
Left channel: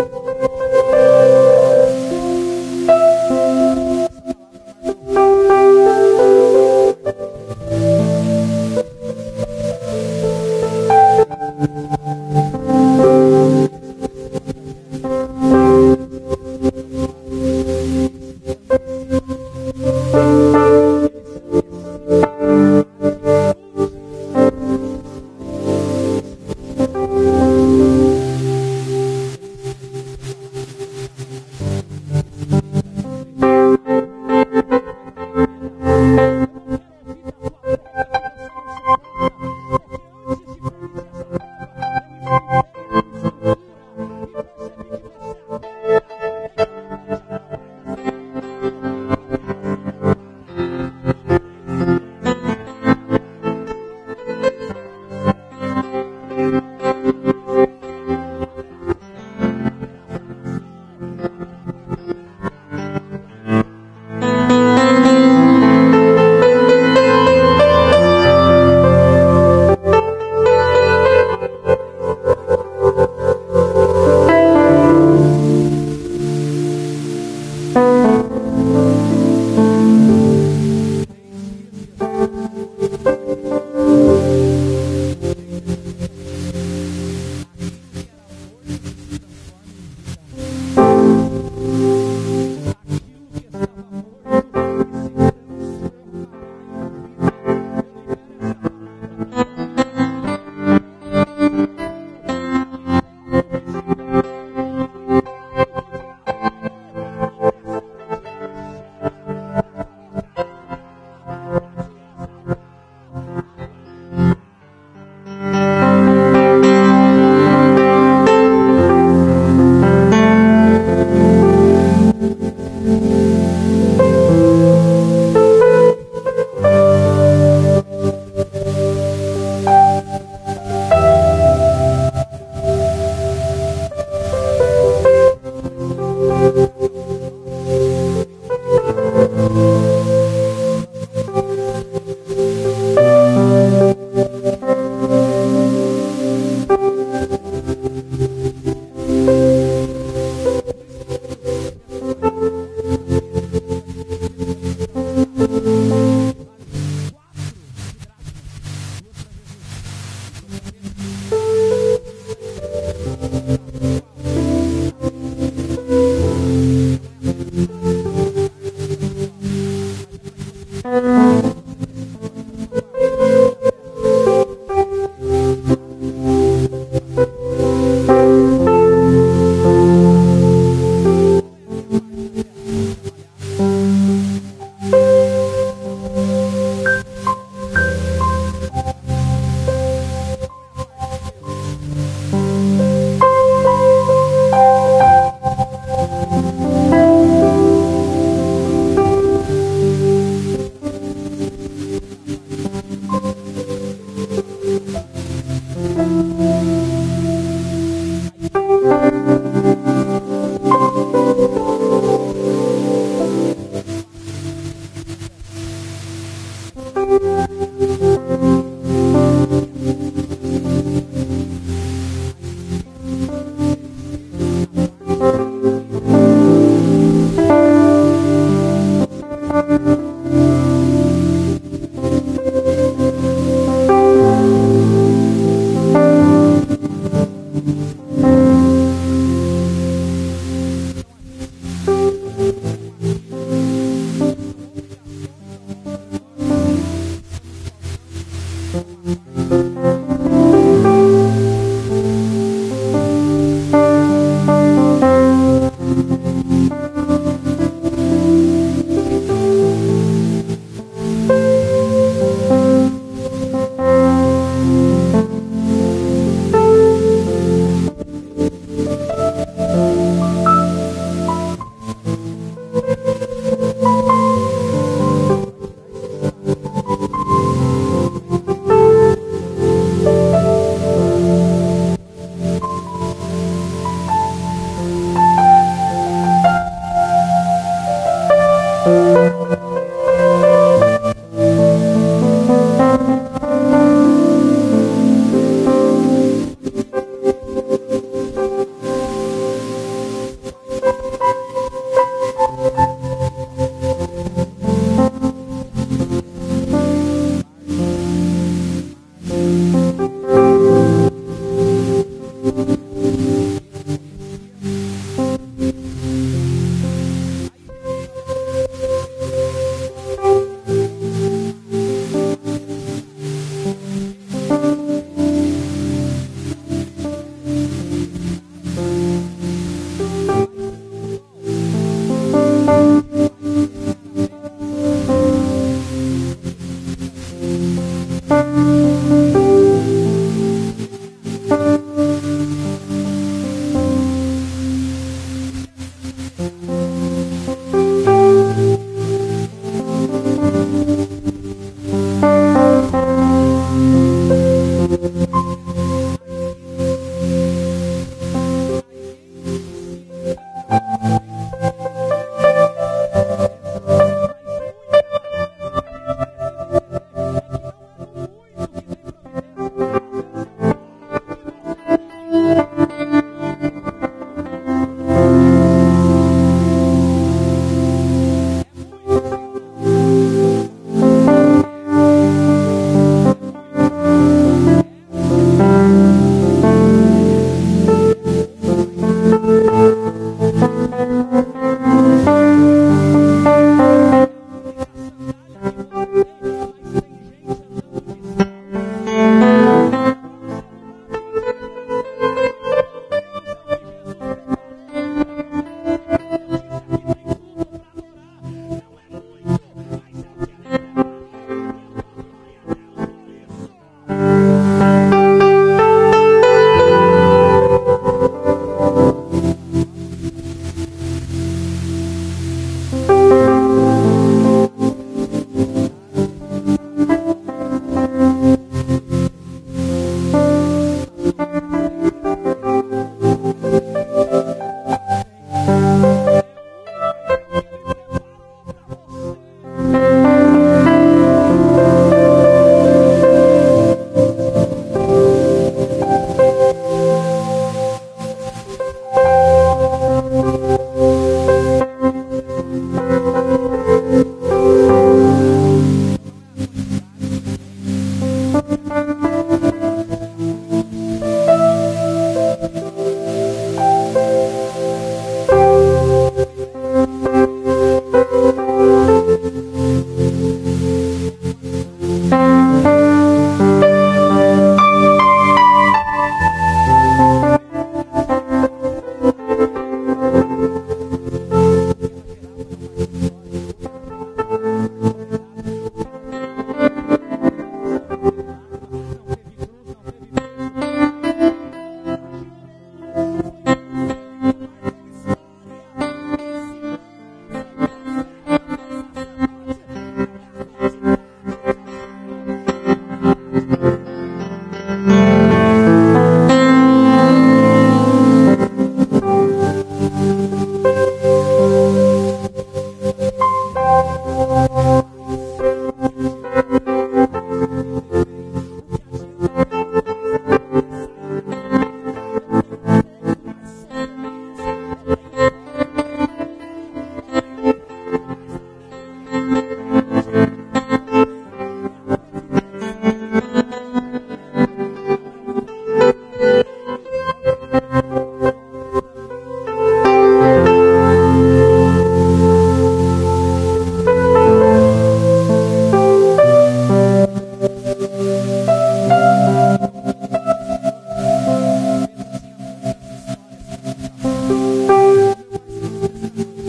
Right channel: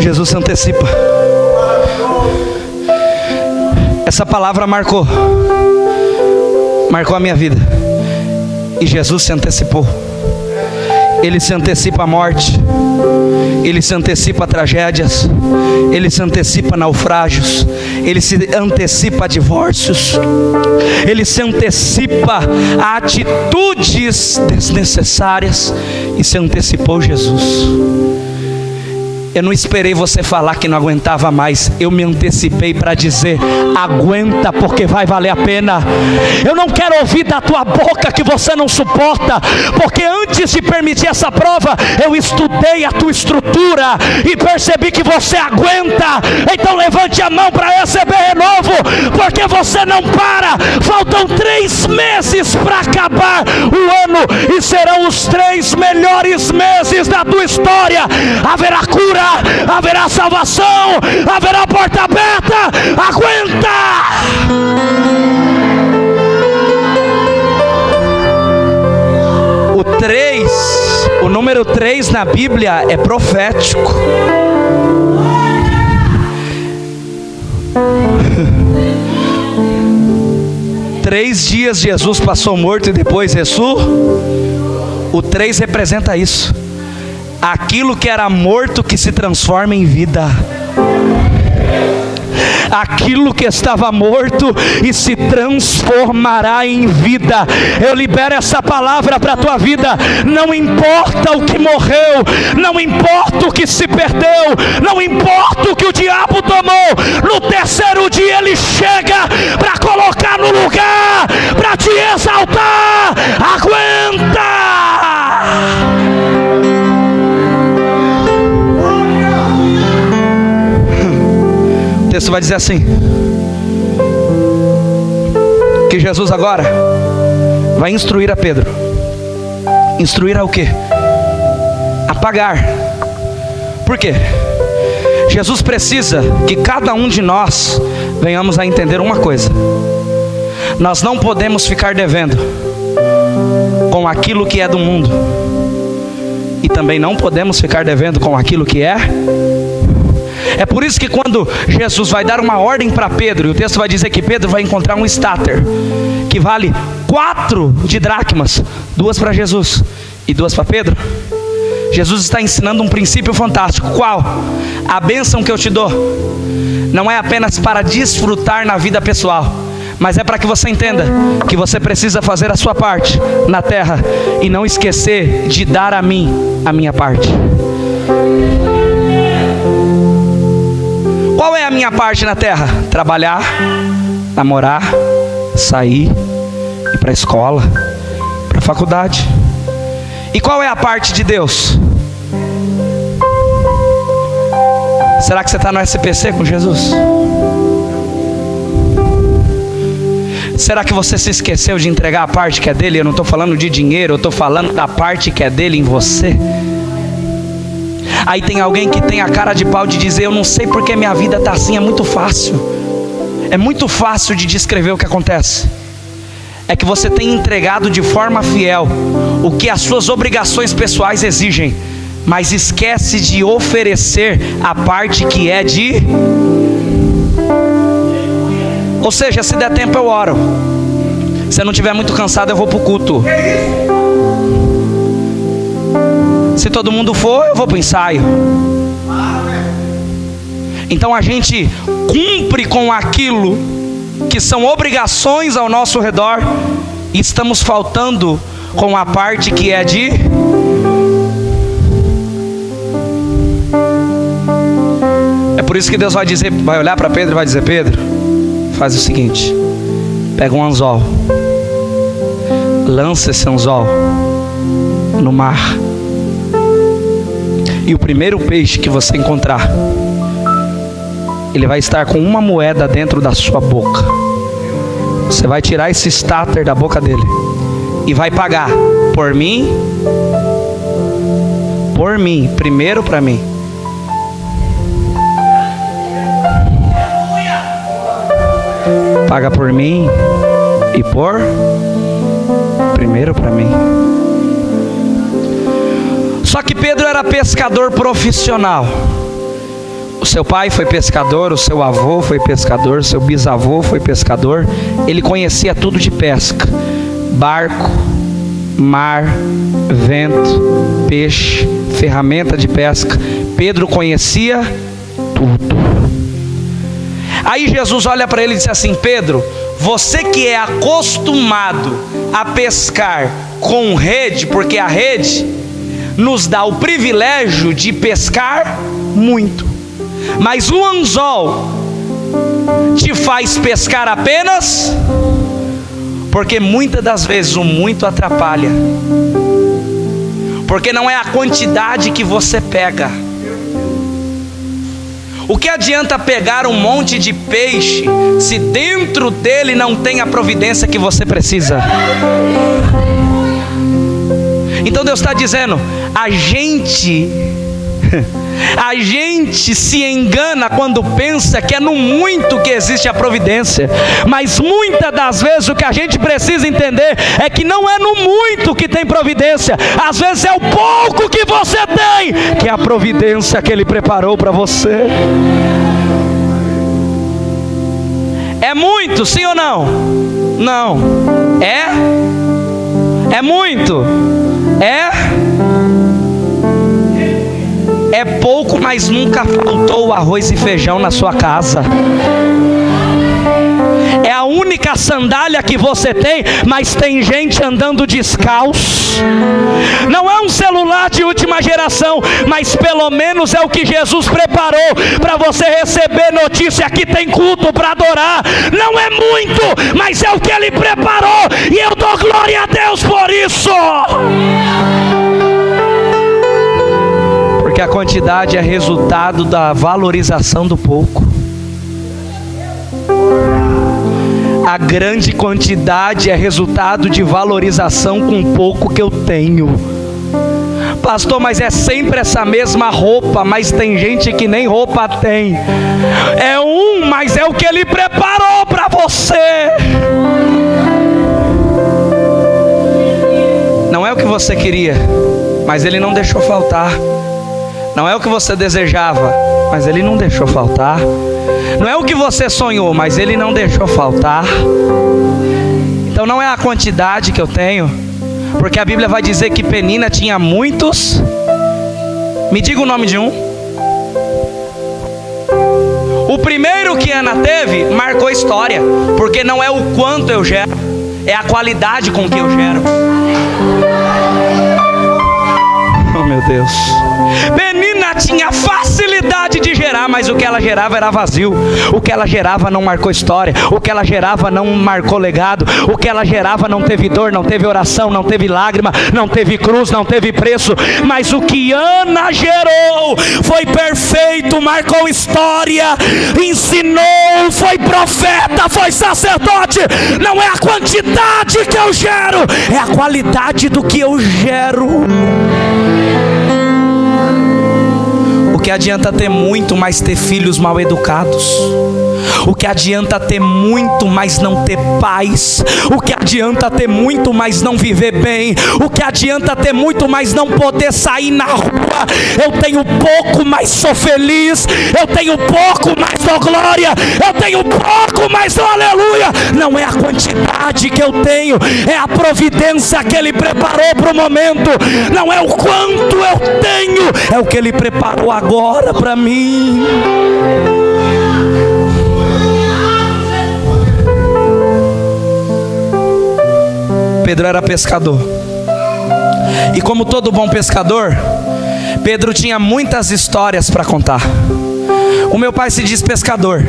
Jesus se antecipa. Essa palavra marcou a minha vida. E Jesus se antecipou. Ele se antecipa a morte, Ele se antecipa a tragédias, Ele se antecipa a naufrágios, Ele se antecipa a divórcios, Ele se antecipa a atitudes desnecessárias, e se antecipou Jesus. Eu não esperei você falar que não aguentava mais. Eu me antecipei para dizer: aguenta, porque vai valer a pena. Eu não quero ouvir da tua boca que você não suporta, porque antes de permitir essa prova, eu estudei a tua estrutura e percebi que você aguenta. Então levante a mão para receber renovo, porque você não para. Faltam 3 meses para acabar o ano, e serão os 3 melhores meses da tua história. Haverá cura, haverá salvação, haverá porta aberta. Aguenta! O número 3 na Bíblia é profético. Três dias Jesus passou morto e depois ressuscitou. O 3 representa isso. Aquilo que era morto que se transforma em vida. aquilo que estava morto e se transformará em vida. Eu libero essa palavra para a tua vida. Não importa o que morreu, não importa o que se perdeu, não importa o que o diabo tomou, no terceiro dia ele chega para colocar no lugar, para te exaltar. Aguenta! O texto vai dizer assim, que Jesus agora vai instruir a Pedro. Instruir a o quê? A pagar. Por quê? Jesus precisa que cada um de nós venhamos a entender uma coisa: nós não podemos ficar devendo com aquilo que é do mundo, e também não podemos ficar devendo com aquilo que é. É por isso que quando Jesus vai dar uma ordem para Pedro, e o texto vai dizer que Pedro vai encontrar um estáter que vale 4 de dracmas, 2 para Jesus e 2 para Pedro. Jesus está ensinando um princípio fantástico. Qual? A bênção que eu te dou não é apenas para desfrutar na vida pessoal, mas é para que você entenda que você precisa fazer a sua parte na terra e não esquecer de dar a mim a minha parte. Qual é a minha parte na terra? Trabalhar, namorar, sair, ir para a escola, para a faculdade. E qual é a parte de Deus? Será que você está no SPC com Jesus? Será que você se esqueceu de entregar a parte que é dele? Eu não estou falando de dinheiro, eu estou falando da parte que é dele em você. Aí tem alguém que tem a cara de pau de dizer: eu não sei porque minha vida está assim. É muito fácil. É muito fácil de descrever o que acontece. É que você tem entregado de forma fiel o que as suas obrigações pessoais exigem, mas esquece de oferecer a parte que é de... Ou seja, se der tempo eu oro, se eu não estiver muito cansado eu vou para o culto, se todo mundo for eu vou para o ensaio. Então a gente cumpre com aquilo que são obrigações ao nosso redor, e estamos faltando com a parte que é de... É por isso que Deus vai dizer, vai olhar para Pedro e vai dizer: Pedro, faz o seguinte, pega um anzol, lança esse anzol no mar, e o primeiro peixe que você encontrar, ele vai estar com uma moeda dentro da sua boca. Você vai tirar esse starter da boca dele e vai pagar por mim, primeiro para mim. Paga por mim e por primeiro para mim. Só que Pedro era pescador profissional. O seu pai foi pescador, o seu avô foi pescador, o seu bisavô foi pescador. Ele conhecia tudo de pesca: barco, mar, vento, peixe, ferramenta de pesca. Pedro conhecia tudo. Aí Jesus olha para ele e diz assim: Pedro, você que é acostumado a pescar com rede, porque a rede nos dá o privilégio de pescar muito, mas o anzol te faz pescar apenas, porque muitas das vezes o muito atrapalha, porque não é a quantidade que você pega. O que adianta pegar um monte de peixe se dentro dele não tem a providência que você precisa? Então Deus está dizendo: a gente se engana quando pensa que é no muito que existe a providência, mas muitas das vezes o que a gente precisa entender é que não é no muito que tem providência, às vezes é o pouco que você tem que é a providência que Ele preparou para você. É muito, sim ou não? Não. É muito? É pouco, mas nunca faltou faltando arroz e feijão na sua casa. É a única sandália que você tem, mas tem gente andando descalço. Não é um celular de última geração, mas pelo menos é o que Jesus preparou para você receber notícia que tem culto para adorar. Não é muito, mas é o que Ele preparou, e eu dou glória a Deus por isso. Porque a quantidade é resultado da valorização do pouco. A grande quantidade é resultado de valorização com o pouco que eu tenho. Pastor, mas é sempre essa mesma roupa, mas tem gente que nem roupa tem. É mas é o que Ele preparou para você. Não é o que você queria, mas Ele não deixou faltar. Não é o que você desejava, mas Ele não deixou faltar. Não é o que você sonhou, mas Ele não deixou faltar. Então não é a quantidade que eu tenho, porque a Bíblia vai dizer que Penina tinha muitos. Me diga o nome de um. O primeiro que Ana teve marcou história, porque não é o quanto eu gero, é a qualidade com que eu gero. Oh meu Deus. Penina tinha facilidade de gerar, mas o que ela gerava era vazio. O que ela gerava não marcou história. O que ela gerava não marcou legado. O que ela gerava não teve dor, não teve oração, não teve lágrima, não teve cruz, não teve preço. Mas o que Ana gerou foi perfeito, marcou história, ensinou, foi profeta, foi sacerdote. Não é a quantidade que eu gero, é a qualidade do que eu gero. O que adianta ter muito, mas ter filhos mal educados? O que adianta ter muito, mas não ter paz? O que adianta ter muito, mas não viver bem? O que adianta ter muito, mas não poder sair na rua? Eu tenho pouco, mas sou feliz. Eu tenho pouco, mas dou glória. Eu tenho pouco, mas dou aleluia. Não é a quantidade que eu tenho, é a providência que Ele preparou para o momento. Não é o quanto eu tenho, é o que Ele preparou agora para mim. Pedro era pescador, e como todo bom pescador, Pedro tinha muitas histórias para contar. O meu pai se diz pescador,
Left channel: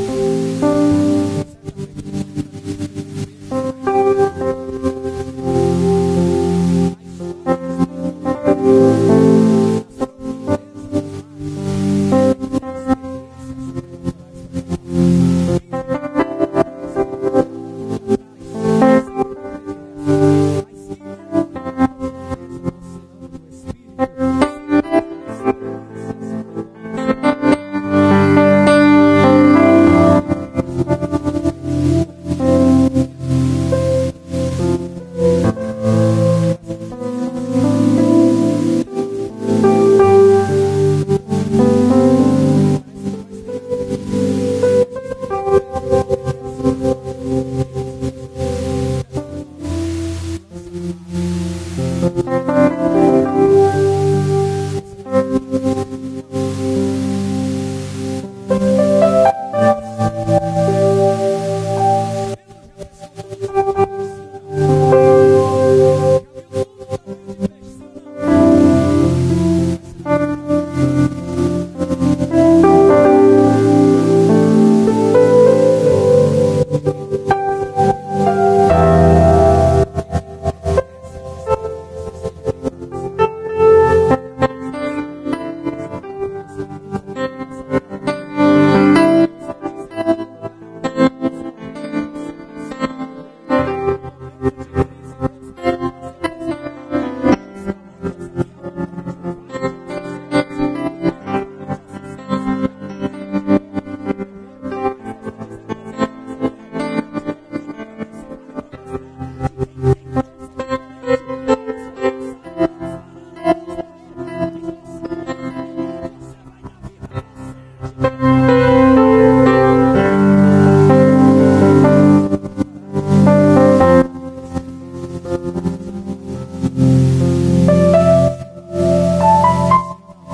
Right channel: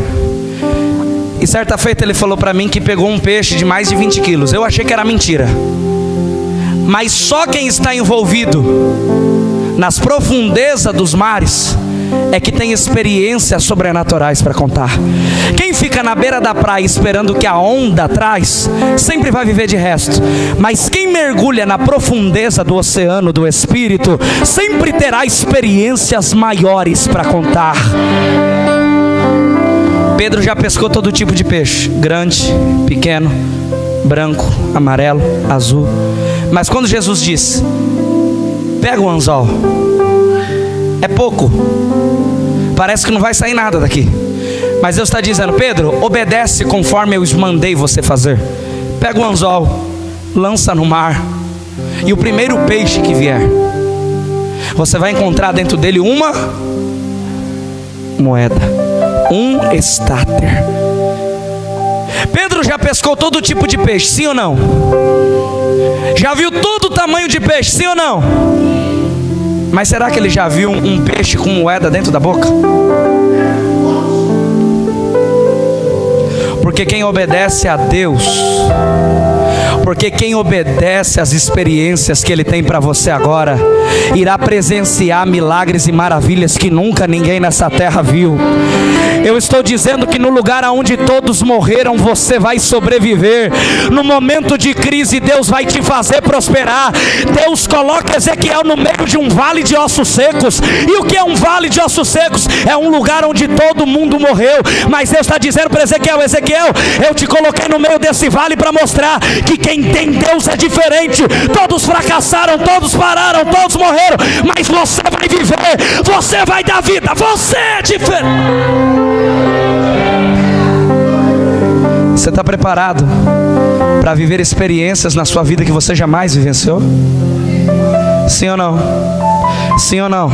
e certa feita ele falou para mim que pegou um peixe de mais de 20 quilos. Eu achei que era mentira, mas só quem está envolvido nas profundezas dos mares é que tem experiências sobrenaturais para contar. Quem fica na beira da praia esperando que a onda traz, sempre vai viver de resto. Mas quem mergulha na profundeza do oceano do Espírito, sempre terá experiências maiores para contar. Pedro já pescou todo tipo de peixe, grande, pequeno, branco, amarelo, azul. Mas quando Jesus diz: pega o anzol, é pouco, parece que não vai sair nada daqui, mas Deus está dizendo: Pedro, obedece conforme eu mandei você fazer. Pega o anzol, lança no mar, e o primeiro peixe que vier, você vai encontrar dentro dele uma moeda, um estáter. Pedro já pescou todo tipo de peixe, sim ou não? Já viu todo o tamanho de peixe, sim ou não? Mas será que ele já viu um peixe com moeda dentro da boca? Porque quem obedece a Deus, porque quem obedece às experiências que Ele tem para você agora, irá presenciar milagres e maravilhas que nunca ninguém nessa terra viu. Eu estou dizendo que no lugar onde todos morreram, você vai sobreviver. No momento de crise, Deus vai te fazer prosperar. Deus coloca Ezequiel no meio de um vale de ossos secos. E o que é um vale de ossos secos? É um lugar onde todo mundo morreu. Mas Deus está dizendo para Ezequiel: Ezequiel, eu te coloquei no meio desse vale para mostrar que quem tem Deus é diferente. Todos fracassaram, todos pararam, todos morreram, mas você vai viver, você vai dar vida, você é diferente. Você está preparado para viver experiências na sua vida que você jamais vivenciou? Sim ou não? Sim ou não?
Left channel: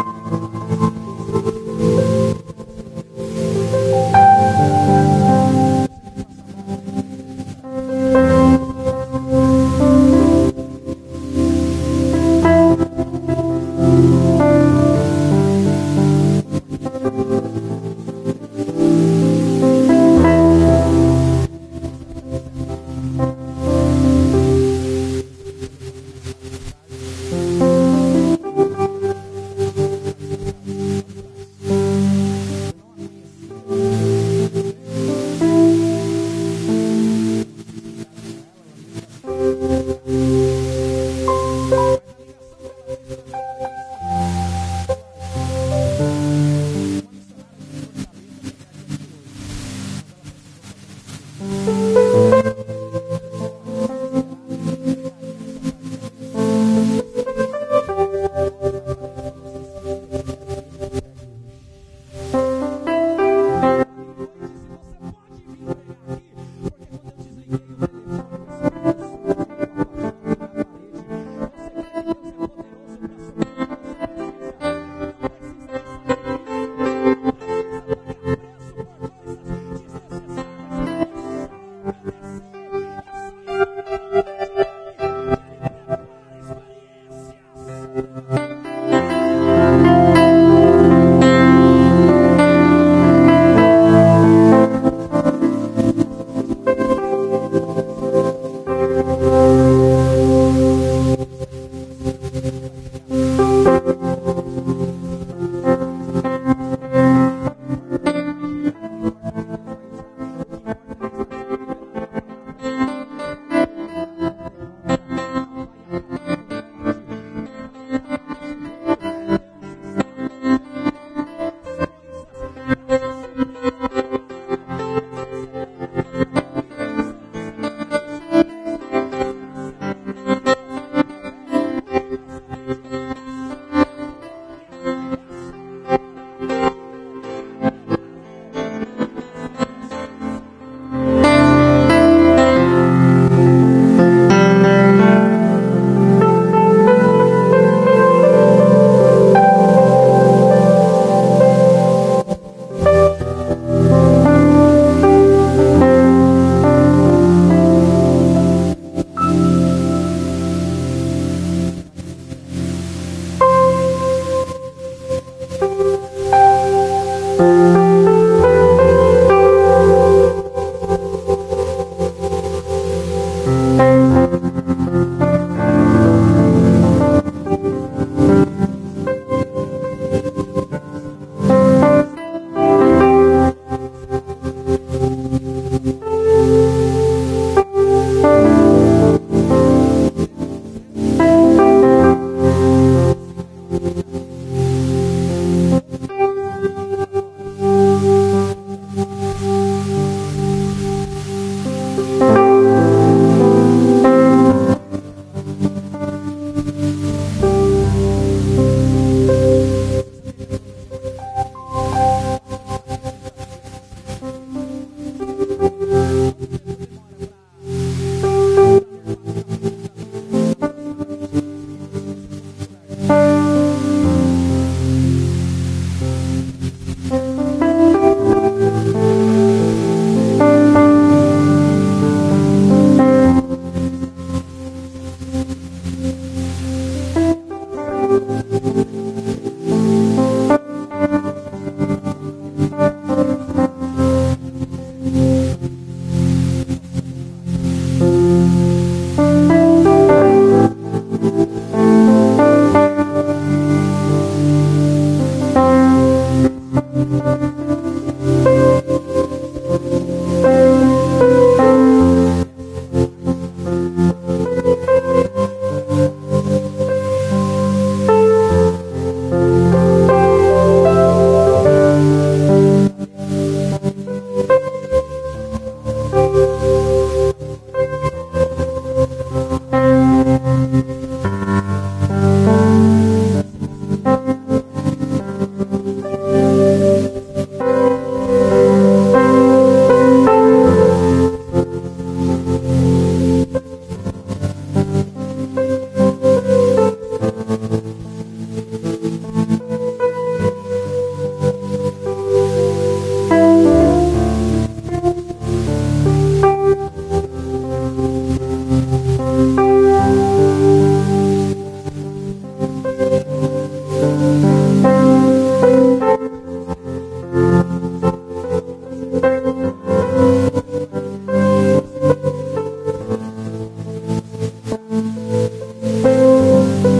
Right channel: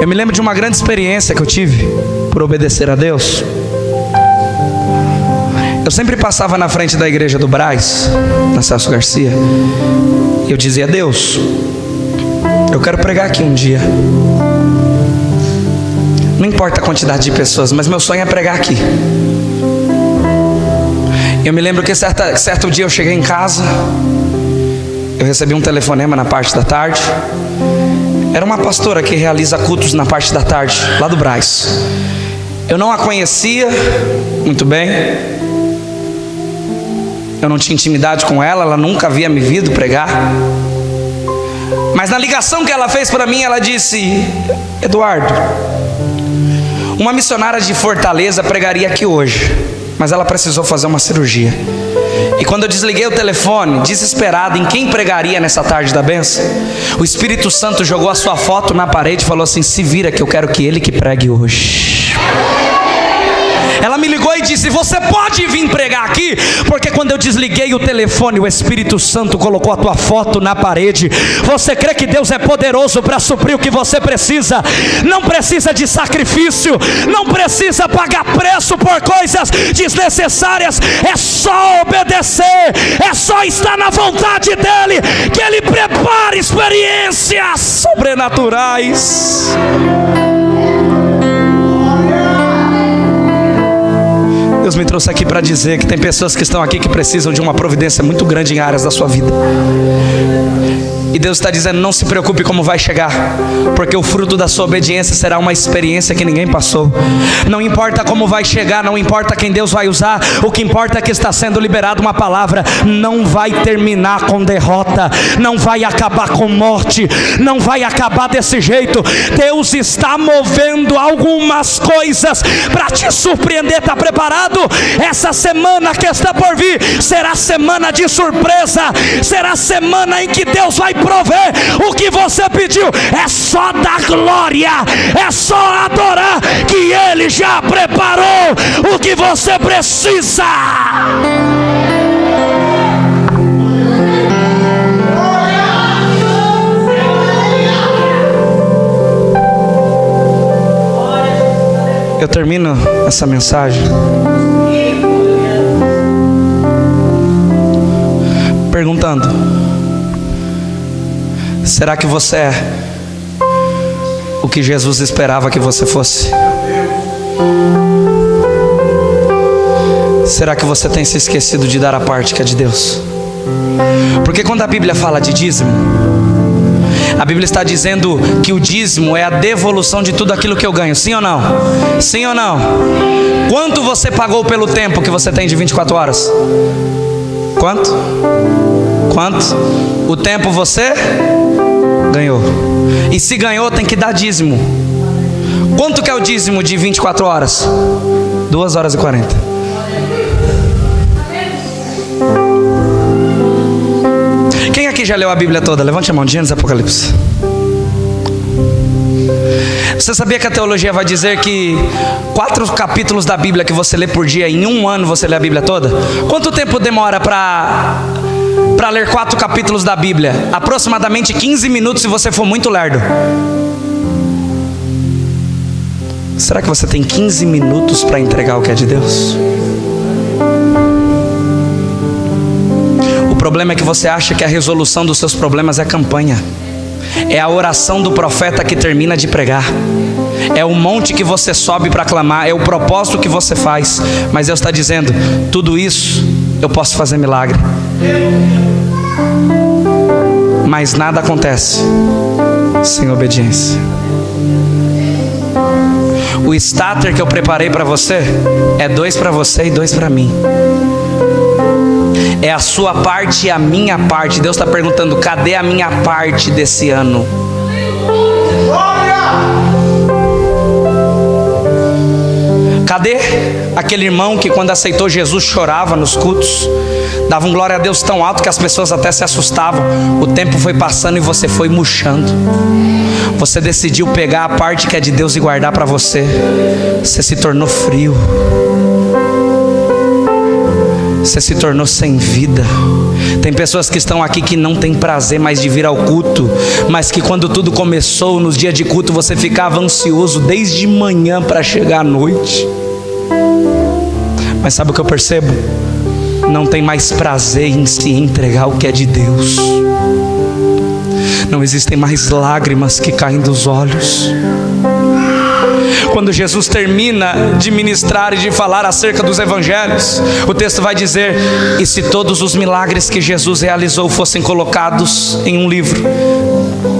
Eu me lembro de uma grande experiência que eu tive por obedecer a Deus. Eu sempre passava na frente da igreja do Brás, na Celso Garcia, e eu dizia: Deus, eu quero pregar aqui um dia. Não importa a quantidade de pessoas, mas meu sonho é pregar aqui. Eu me lembro que certo dia eu cheguei em casa, eu recebi um telefonema na parte da tarde. Era uma pastora que realiza cultos na parte da tarde, lá do Brás. Eu não a conhecia muito bem, eu não tinha intimidade com ela, ela nunca havia me visto pregar. Mas na ligação que ela fez para mim, ela disse: Eduardo, uma missionária de Fortaleza pregaria aqui hoje, mas ela precisou fazer uma cirurgia. E quando eu desliguei o telefone, desesperado em quem pregaria nessa tarde da bênção, o Espírito Santo jogou a sua foto na parede e falou assim: se vira que eu quero que ele que pregue hoje. Ela me ligou e disse: você pode vir pregar aqui? Porque quando eu desliguei o telefone, o Espírito Santo colocou a tua foto na parede. Você crê que Deus é poderoso para suprir o que você precisa? Não precisa de sacrifício, não precisa pagar preço por coisas desnecessárias. É só obedecer, é só estar na vontade dEle, que Ele prepara experiências sobrenaturais. Deus me trouxe aqui para dizer que tem pessoas que estão aqui que precisam de uma providência muito grande em áreas da sua vida. E Deus está dizendo: não se preocupe como vai chegar, porque o fruto da sua obediência será uma experiência que ninguém passou. Não importa como vai chegar, não importa quem Deus vai usar, o que importa é que está sendo liberada uma palavra. Não vai terminar com derrota, não vai acabar com morte, não vai acabar desse jeito. Deus está movendo algumas coisas para te surpreender. Está preparado? Essa semana que está por vir será semana de surpresa, será semana em que Deus vai prover o que você pediu. É só dar glória, é só adorar, que Ele já preparou o que você precisa. Eu termino essa mensagem perguntando: será que você é o que Jesus esperava que você fosse? Será que você tem se esquecido de dar a parte que é de Deus? Porque quando a Bíblia fala de dízimo, a Bíblia está dizendo que o dízimo é a devolução de tudo aquilo que eu ganho. Sim ou não? Sim ou não? Quanto você pagou pelo tempo que você tem de 24 horas? Quanto? Quanto? O tempo você ganhou. E se ganhou, tem que dar dízimo. Quanto que é o dízimo de 24 horas? 2 horas e 40. Quem aqui já leu a Bíblia toda? Levante a mão. Gênesis, Apocalipse. Você sabia que a teologia vai dizer que 4 capítulos da Bíblia que você lê por dia, em um ano você lê a Bíblia toda? Quanto tempo demora para ler 4 capítulos da Bíblia? Aproximadamente 15 minutos se você for muito lerdo. Será que você tem 15 minutos para entregar o que é de Deus? O problema é que você acha que a resolução dos seus problemas é campanha. É a oração do profeta que termina de pregar. É o monte que você sobe para clamar. É o propósito que você faz. Mas Deus está dizendo: tudo isso eu posso fazer milagre, mas nada acontece sem obediência. O starter que eu preparei para você é 2 para você e 2 para mim. É a sua parte e a minha parte. Deus está perguntando: cadê a minha parte desse ano? Cadê aquele irmão que quando aceitou Jesus chorava nos cultos, dava um glória a Deus tão alto que as pessoas até se assustavam? O tempo foi passando e você foi murchando. Você decidiu pegar a parte que é de Deus e guardar para você. Você se tornou frio. Você se tornou sem vida. Tem pessoas que estão aqui que não tem prazer mais de vir ao culto, mas que quando tudo começou, nos dias de culto, você ficava ansioso desde manhã para chegar à noite. Mas sabe o que eu percebo? Não tem mais prazer em se entregar o que é de Deus. Não existem mais lágrimas que caem dos olhos. Quando Jesus termina de ministrar e de falar acerca dos evangelhos, o texto vai dizer: e se todos os milagres que Jesus realizou fossem colocados em um livro,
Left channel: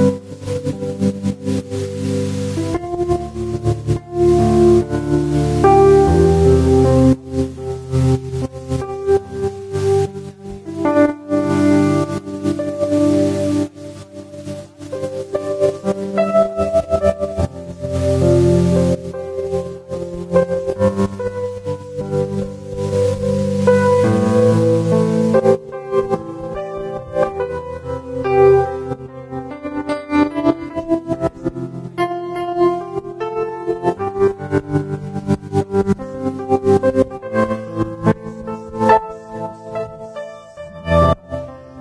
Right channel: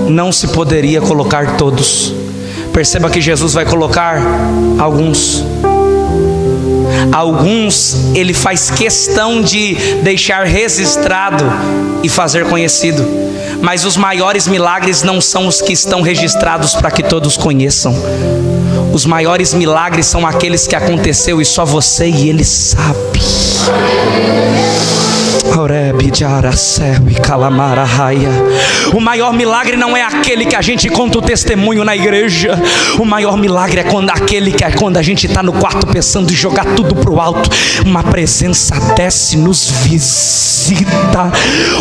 não se poderia colocar todos. Perceba que Jesus vai colocar alguns. Alguns ele faz questão de deixar registrado e fazer conhecido, mas os maiores milagres não são os que estão registrados para que todos conheçam. Os maiores milagres são aqueles que aconteceu e só você e ele sabe. O maior milagre não é aquele que a gente conta o testemunho na igreja. O maior milagre é quando a gente está no quarto pensando em jogar tudo pro alto, uma presença desce, nos visita.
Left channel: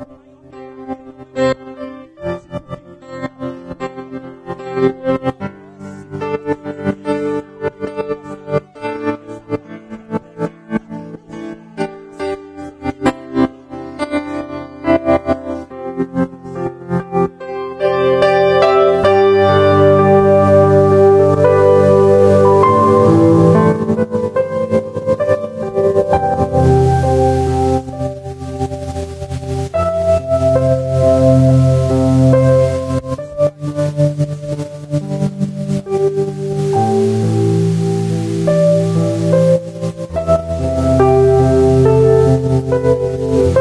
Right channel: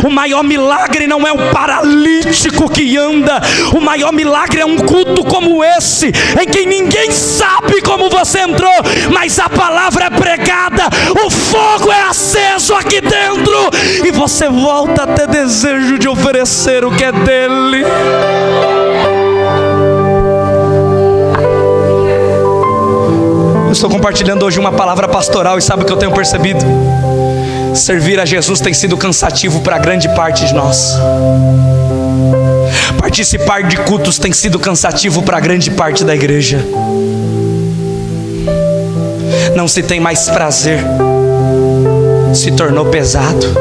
O maior milagre não é o paralítico que anda. O maior milagre é um culto como esse, em que ninguém sabe como você entrou, mas a palavra é pregada, o fogo é aceso aqui dentro, e você volta a ter desejo de oferecer o que é dele. Eu estou compartilhando hoje uma palavra pastoral, e sabe o que eu tenho percebido? Servir a Jesus tem sido cansativo para grande parte de nós. Participar de cultos tem sido cansativo para grande parte da igreja. Não se tem mais prazer, se tornou pesado.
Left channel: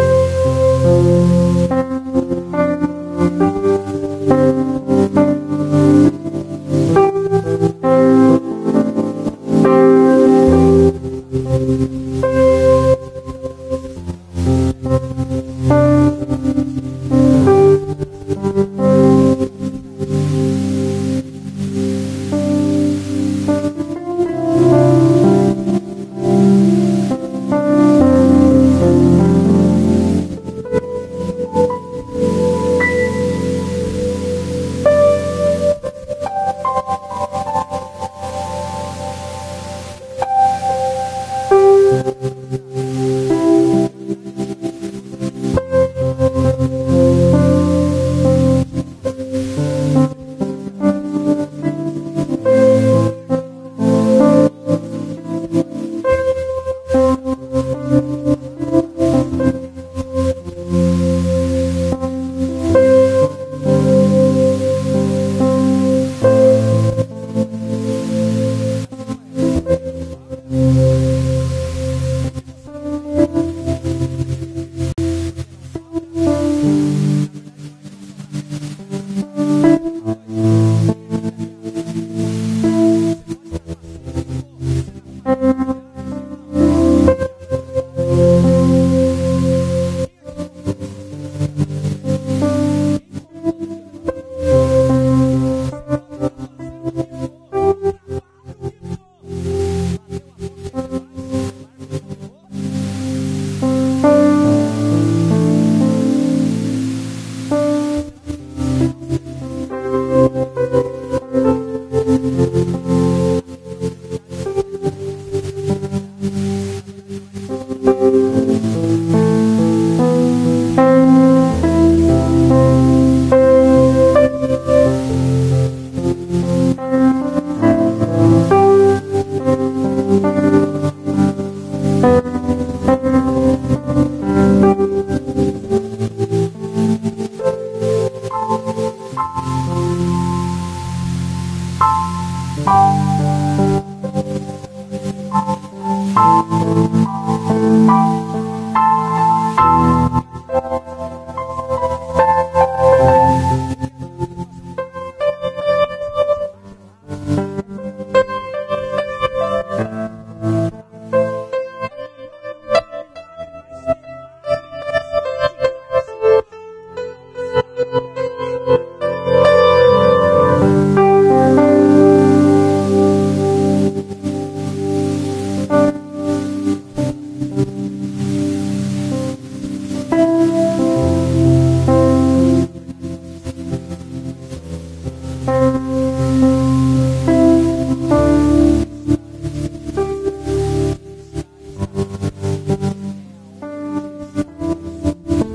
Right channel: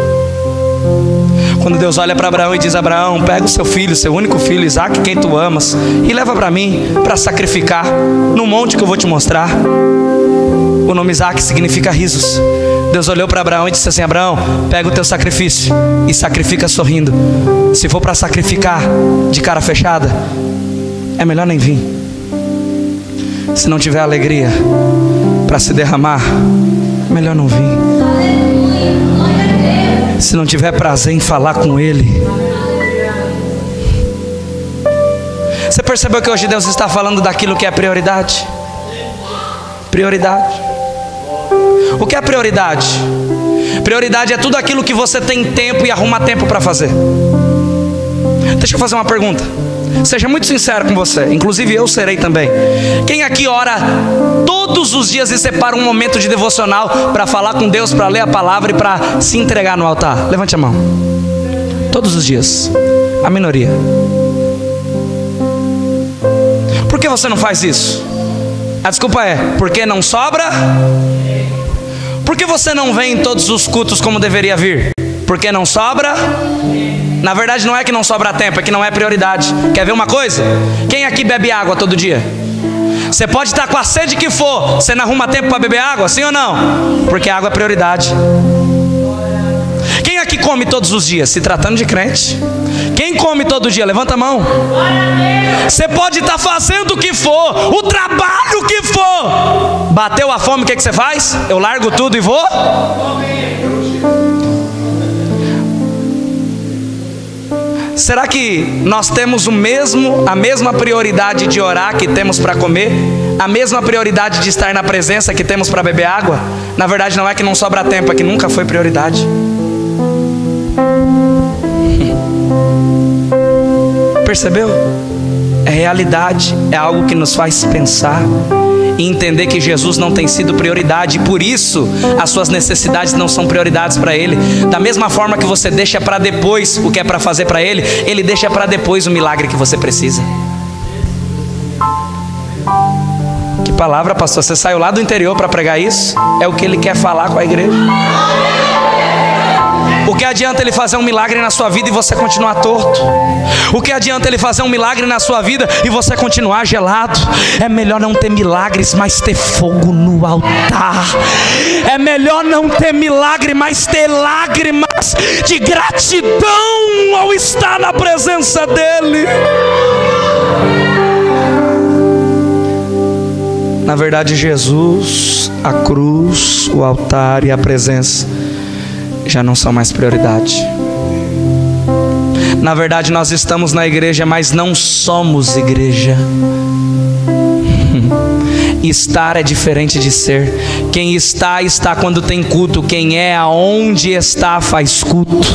Quando Deus olha para Abraão e diz: Abraão, pega o seu filho, seu único filho, Isaque, quem tu amas, e leva para mim, para sacrificar, no monte que eu vou te mostrar. O nome Isaque significa risos. Deus olhou para Abraão e disse assim: Abraão, pega o teu sacrifício e sacrifica sorrindo. Se for para sacrificar de cara fechada, é melhor nem vir. Se não tiver alegria para se derramar, é melhor não vir. Se não tiver prazer em falar com Ele. Você percebeu que hoje Deus está falando daquilo que é prioridade? Prioridade. O que é prioridade? Prioridade é tudo aquilo que você tem tempo e arruma tempo para fazer. Deixa eu fazer uma pergunta. Seja muito sincero com você, inclusive eu serei também. Quem aqui ora todos os dias e separa um momento de devocional para falar com Deus, para ler a palavra e para se entregar no altar? Levante a mão. Todos os dias. A minoria. Por que você não faz isso? A desculpa é: porque não sobra? Por que você não vem em todos os cultos como deveria vir? Porque não sobra? Na verdade não é que não sobra tempo, é que não é prioridade. Quer ver uma coisa? Quem aqui bebe água todo dia? Você pode estar com a sede que for, você não arruma tempo para beber água, sim ou não? Porque a água é prioridade. Quem aqui come todos os dias? Se tratando de crente. Quem come todo dia? Levanta a mão. Você pode estar fazendo o que for, o trabalho que for. Bateu a fome, o que você faz? Eu largo tudo e vou? Será que nós temos a mesma prioridade de orar que temos para comer? A mesma prioridade de estar na presença que temos para beber água? Na verdade não é que não sobra tempo, é que nunca foi prioridade. Percebeu? É realidade, é algo que nos faz pensar e entender que Jesus não tem sido prioridade, e por isso as suas necessidades não são prioridades para Ele. Da mesma forma que você deixa para depois o que é para fazer para Ele, Ele deixa para depois o milagre que você precisa. Que palavra, pastor? Você saiu lá do interior para pregar isso? É o que Ele quer falar com a igreja. O que adianta Ele fazer um milagre na sua vida e você continuar torto? O que adianta Ele fazer um milagre na sua vida e você continuar gelado? É melhor não ter milagres, mas ter fogo no altar. É melhor não ter milagre, mas ter lágrimas de gratidão ao estar na presença dEle. Na verdade, Jesus, a cruz, o altar e a presença já não são mais prioridade. Na verdade, nós estamos na igreja, mas não somos igreja. Estar é diferente de ser. Quem está, está quando tem culto. Quem é, aonde está, faz culto.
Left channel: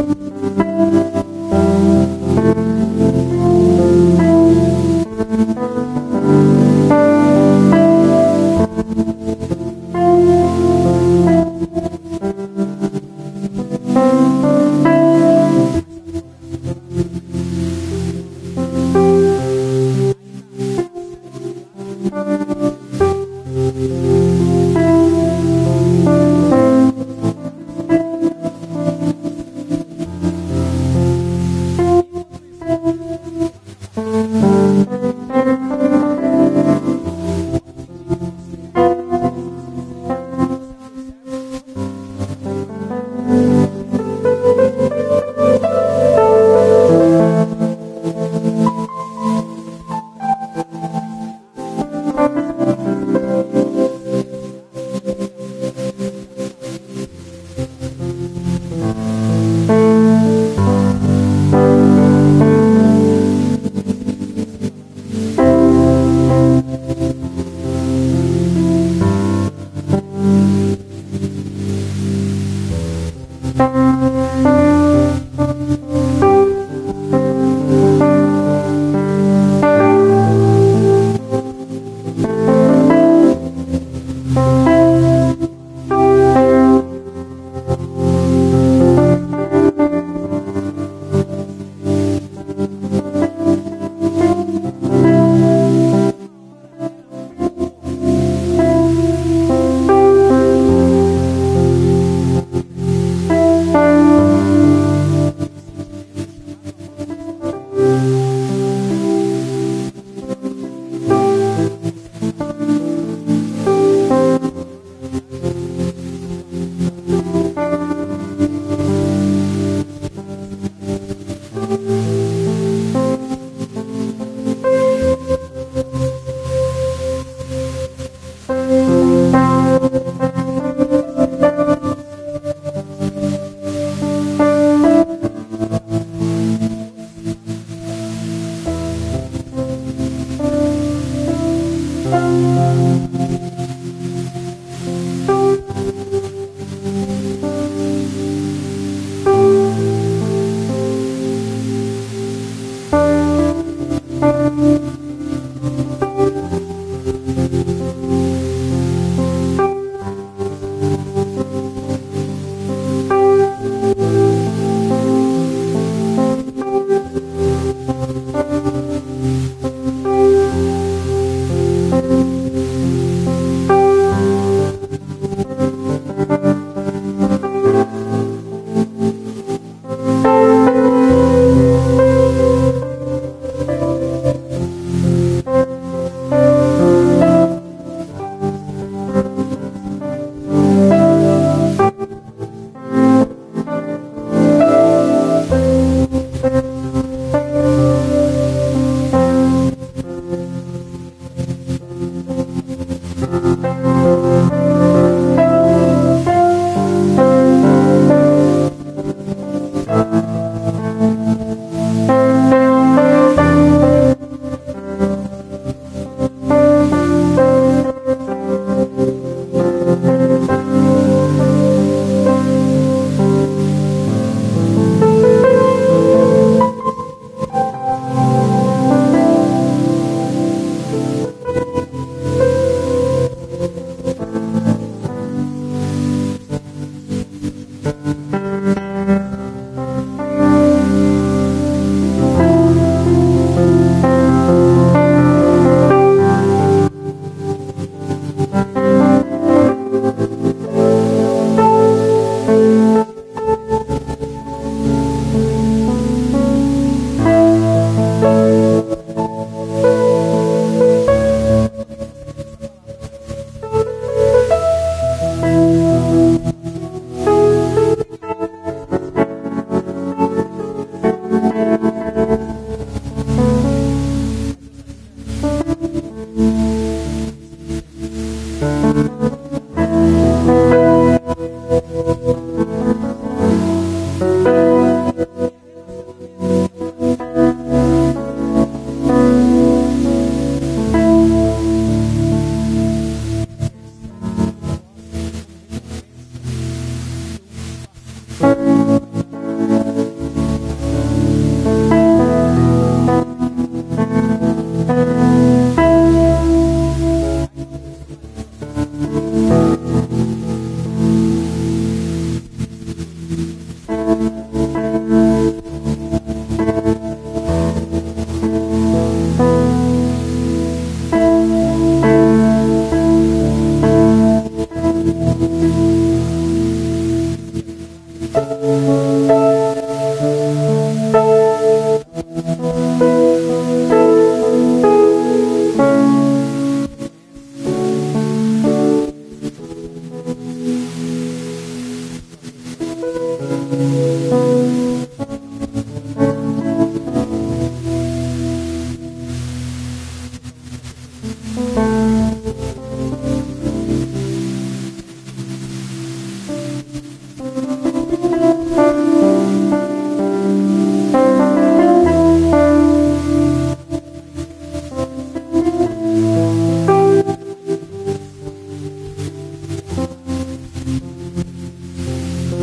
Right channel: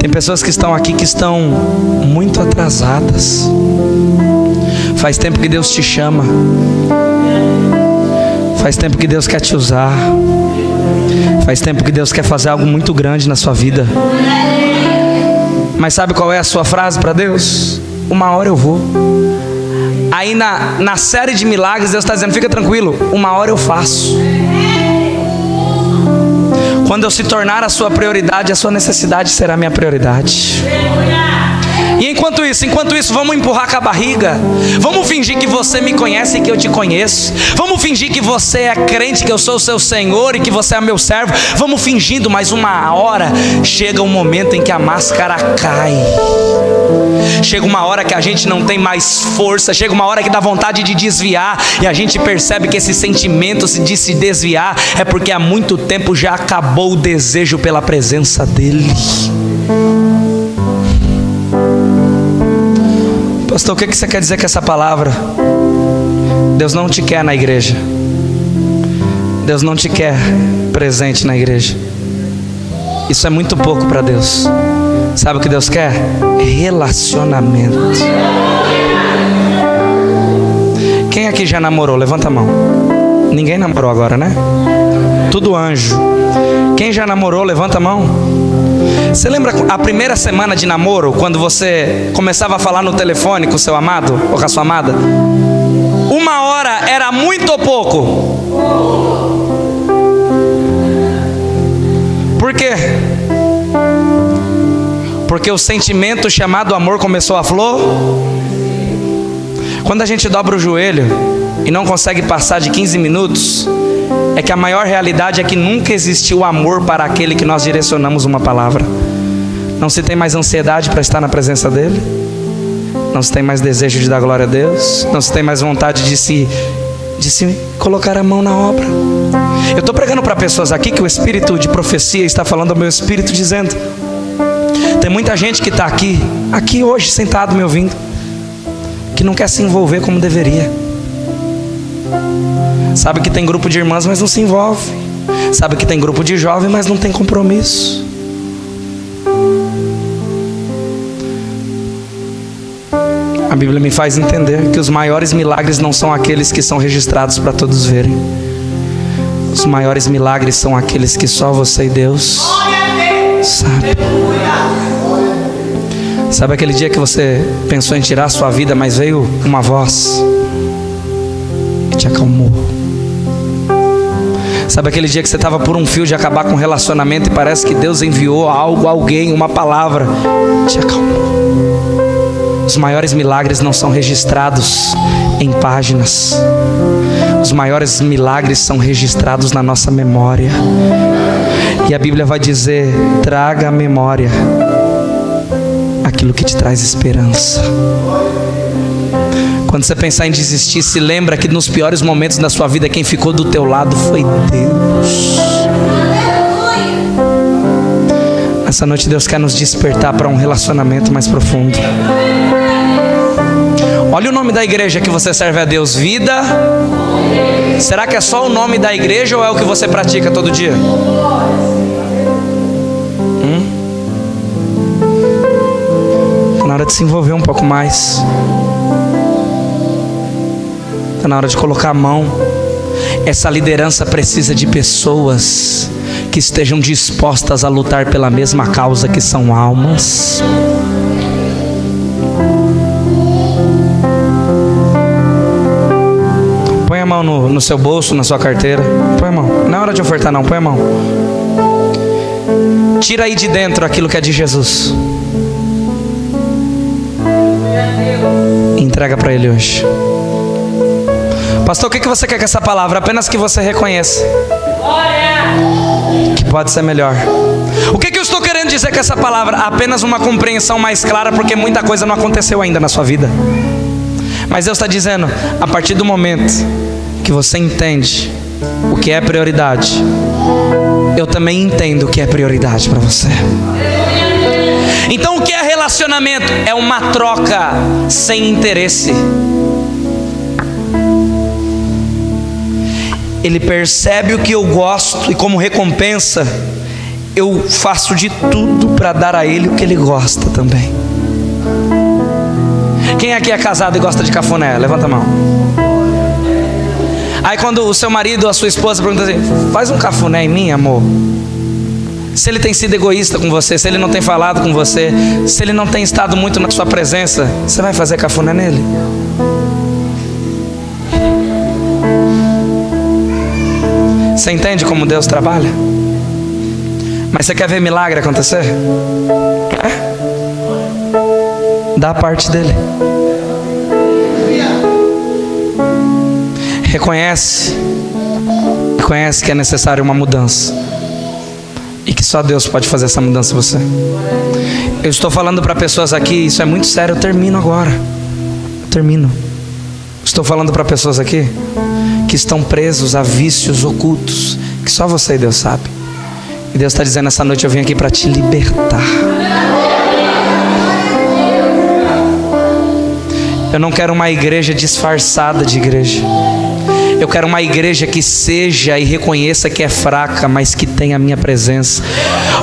Tem pessoas que estão aqui que estão muito atrasadas. Faz tempo que Deus te chama. Faz tempo que Deus quer te usar. Faz tempo que Deus quer fazer algo muito grande na sua vida. Mas sabe qual é a sua frase para Deus? Uma hora eu vou. Aí na série de milagres Deus está dizendo, fica tranquilo, uma hora eu faço. Quando eu se tornar a sua prioridade, a sua necessidade será a minha prioridade. E enquanto isso, vamos empurrar com a barriga. Vamos fingir que você me conhece e que eu te conheço. Vamos fingir que você é crente, que eu sou o seu Senhor e que você é meu servo. Vamos fingindo, mas uma hora chega um momento em que a máscara cai. Chega uma hora que a gente não tem mais força. Chega uma hora que dá vontade de desviar. E a gente percebe que esse sentimento de se desviar é porque há muito tempo já acabou o desejo pela presença dEle. Pastor, o que você quer dizer com essa palavra? Deus não te quer na igreja. Deus não te quer presente na igreja. Isso é muito pouco para Deus. Sabe o que Deus quer? Relacionamento. Quem aqui já namorou? Levanta a mão. Ninguém namorou agora, né? Tudo anjo. Quem já namorou? Levanta a mão. Você lembra a primeira semana de namoro, quando você começava a falar no telefone com o seu amado ou com a sua amada? Uma hora era muito ou pouco? Por quê? Porque o sentimento chamado amor começou a flor. Quando a gente dobra o joelho e não consegue passar de 15 minutos, é que a maior realidade é que nunca existiu amor para aquele que nós direcionamos uma palavra. Não se tem mais ansiedade para estar na presença dEle. Não se tem mais desejo de dar glória a Deus. Não se tem mais vontade de se colocar a mão na obra. Eu estou pregando para pessoas aqui que o espírito de profecia está falando ao meu espírito, dizendo: tem muita gente que está aqui hoje sentado me ouvindo, que não quer se envolver como deveria. Sabe que tem grupo de irmãs, mas não se envolve. Sabe que tem grupo de jovem, mas não tem compromisso. A Bíblia me faz entender que os maiores milagres não são aqueles que são registrados para todos verem. Os maiores milagres são aqueles que só você e Deus sabe. Sabe aquele dia que você pensou em tirar a sua vida, mas veio uma voz e te acalmou? Sabe aquele dia que você estava por um fio de acabar com um relacionamento e parece que Deus enviou algo, alguém, uma palavra, te acalmou? Os maiores milagres não são registrados em páginas. Os maiores milagres são registrados na nossa memória. E a Bíblia vai dizer: traga à memória aquilo que te traz esperança. Quando você pensar em desistir, se lembra que nos piores momentos da sua vida, quem ficou do teu lado foi Deus. Essa noite Deus quer nos despertar para um relacionamento mais profundo. Olha o nome da igreja que você serve a Deus: Vida. Será que é só o nome da igreja ou é o que você pratica todo dia? De se envolver um pouco mais. Está na hora de colocar a mão. Essa liderança precisa de pessoas que estejam dispostas a lutar pela mesma causa, que são almas. Põe a mão no seu bolso, na sua carteira. Põe a mão. Não é hora de ofertar não, põe a mão. Tira aí de dentro aquilo que é de Jesus. Entrega para Ele hoje. Pastor, o que você quer com essa palavra? Apenas que você reconheça que pode ser melhor. O que eu estou querendo dizer com essa palavra? Apenas uma compreensão mais clara, porque muita coisa não aconteceu ainda na sua vida. Mas Deus está dizendo: a partir do momento que você entende o que é prioridade, eu também entendo o que é prioridade para você. Então o que é relacionamento? É uma troca sem interesse. Ele percebe o que eu gosto e, como recompensa, eu faço de tudo para dar a ele o que ele gosta também. Quem aqui é casado e gosta de cafuné? Levanta a mão. Aí quando o seu marido ou a sua esposa pergunta assim: faz um cafuné em mim, amor. Se ele tem sido egoísta com você, se ele não tem falado com você, se ele não tem estado muito na sua presença, você vai fazer cafuné nele? Você entende como Deus trabalha? Mas você quer ver milagre acontecer? Dá a parte dele. Reconhece que é necessário uma mudança e que só Deus pode fazer essa mudança em você. Eu estou falando para pessoas aqui, isso é muito sério, eu termino agora. Estou falando para pessoas aqui que estão presos a vícios ocultos que só você e Deus sabe. E Deus está dizendo: essa noite eu vim aqui para te libertar. Eu não quero uma igreja disfarçada de igreja. Eu quero uma igreja que seja e reconheça que é fraca, mas que tenha a minha presença.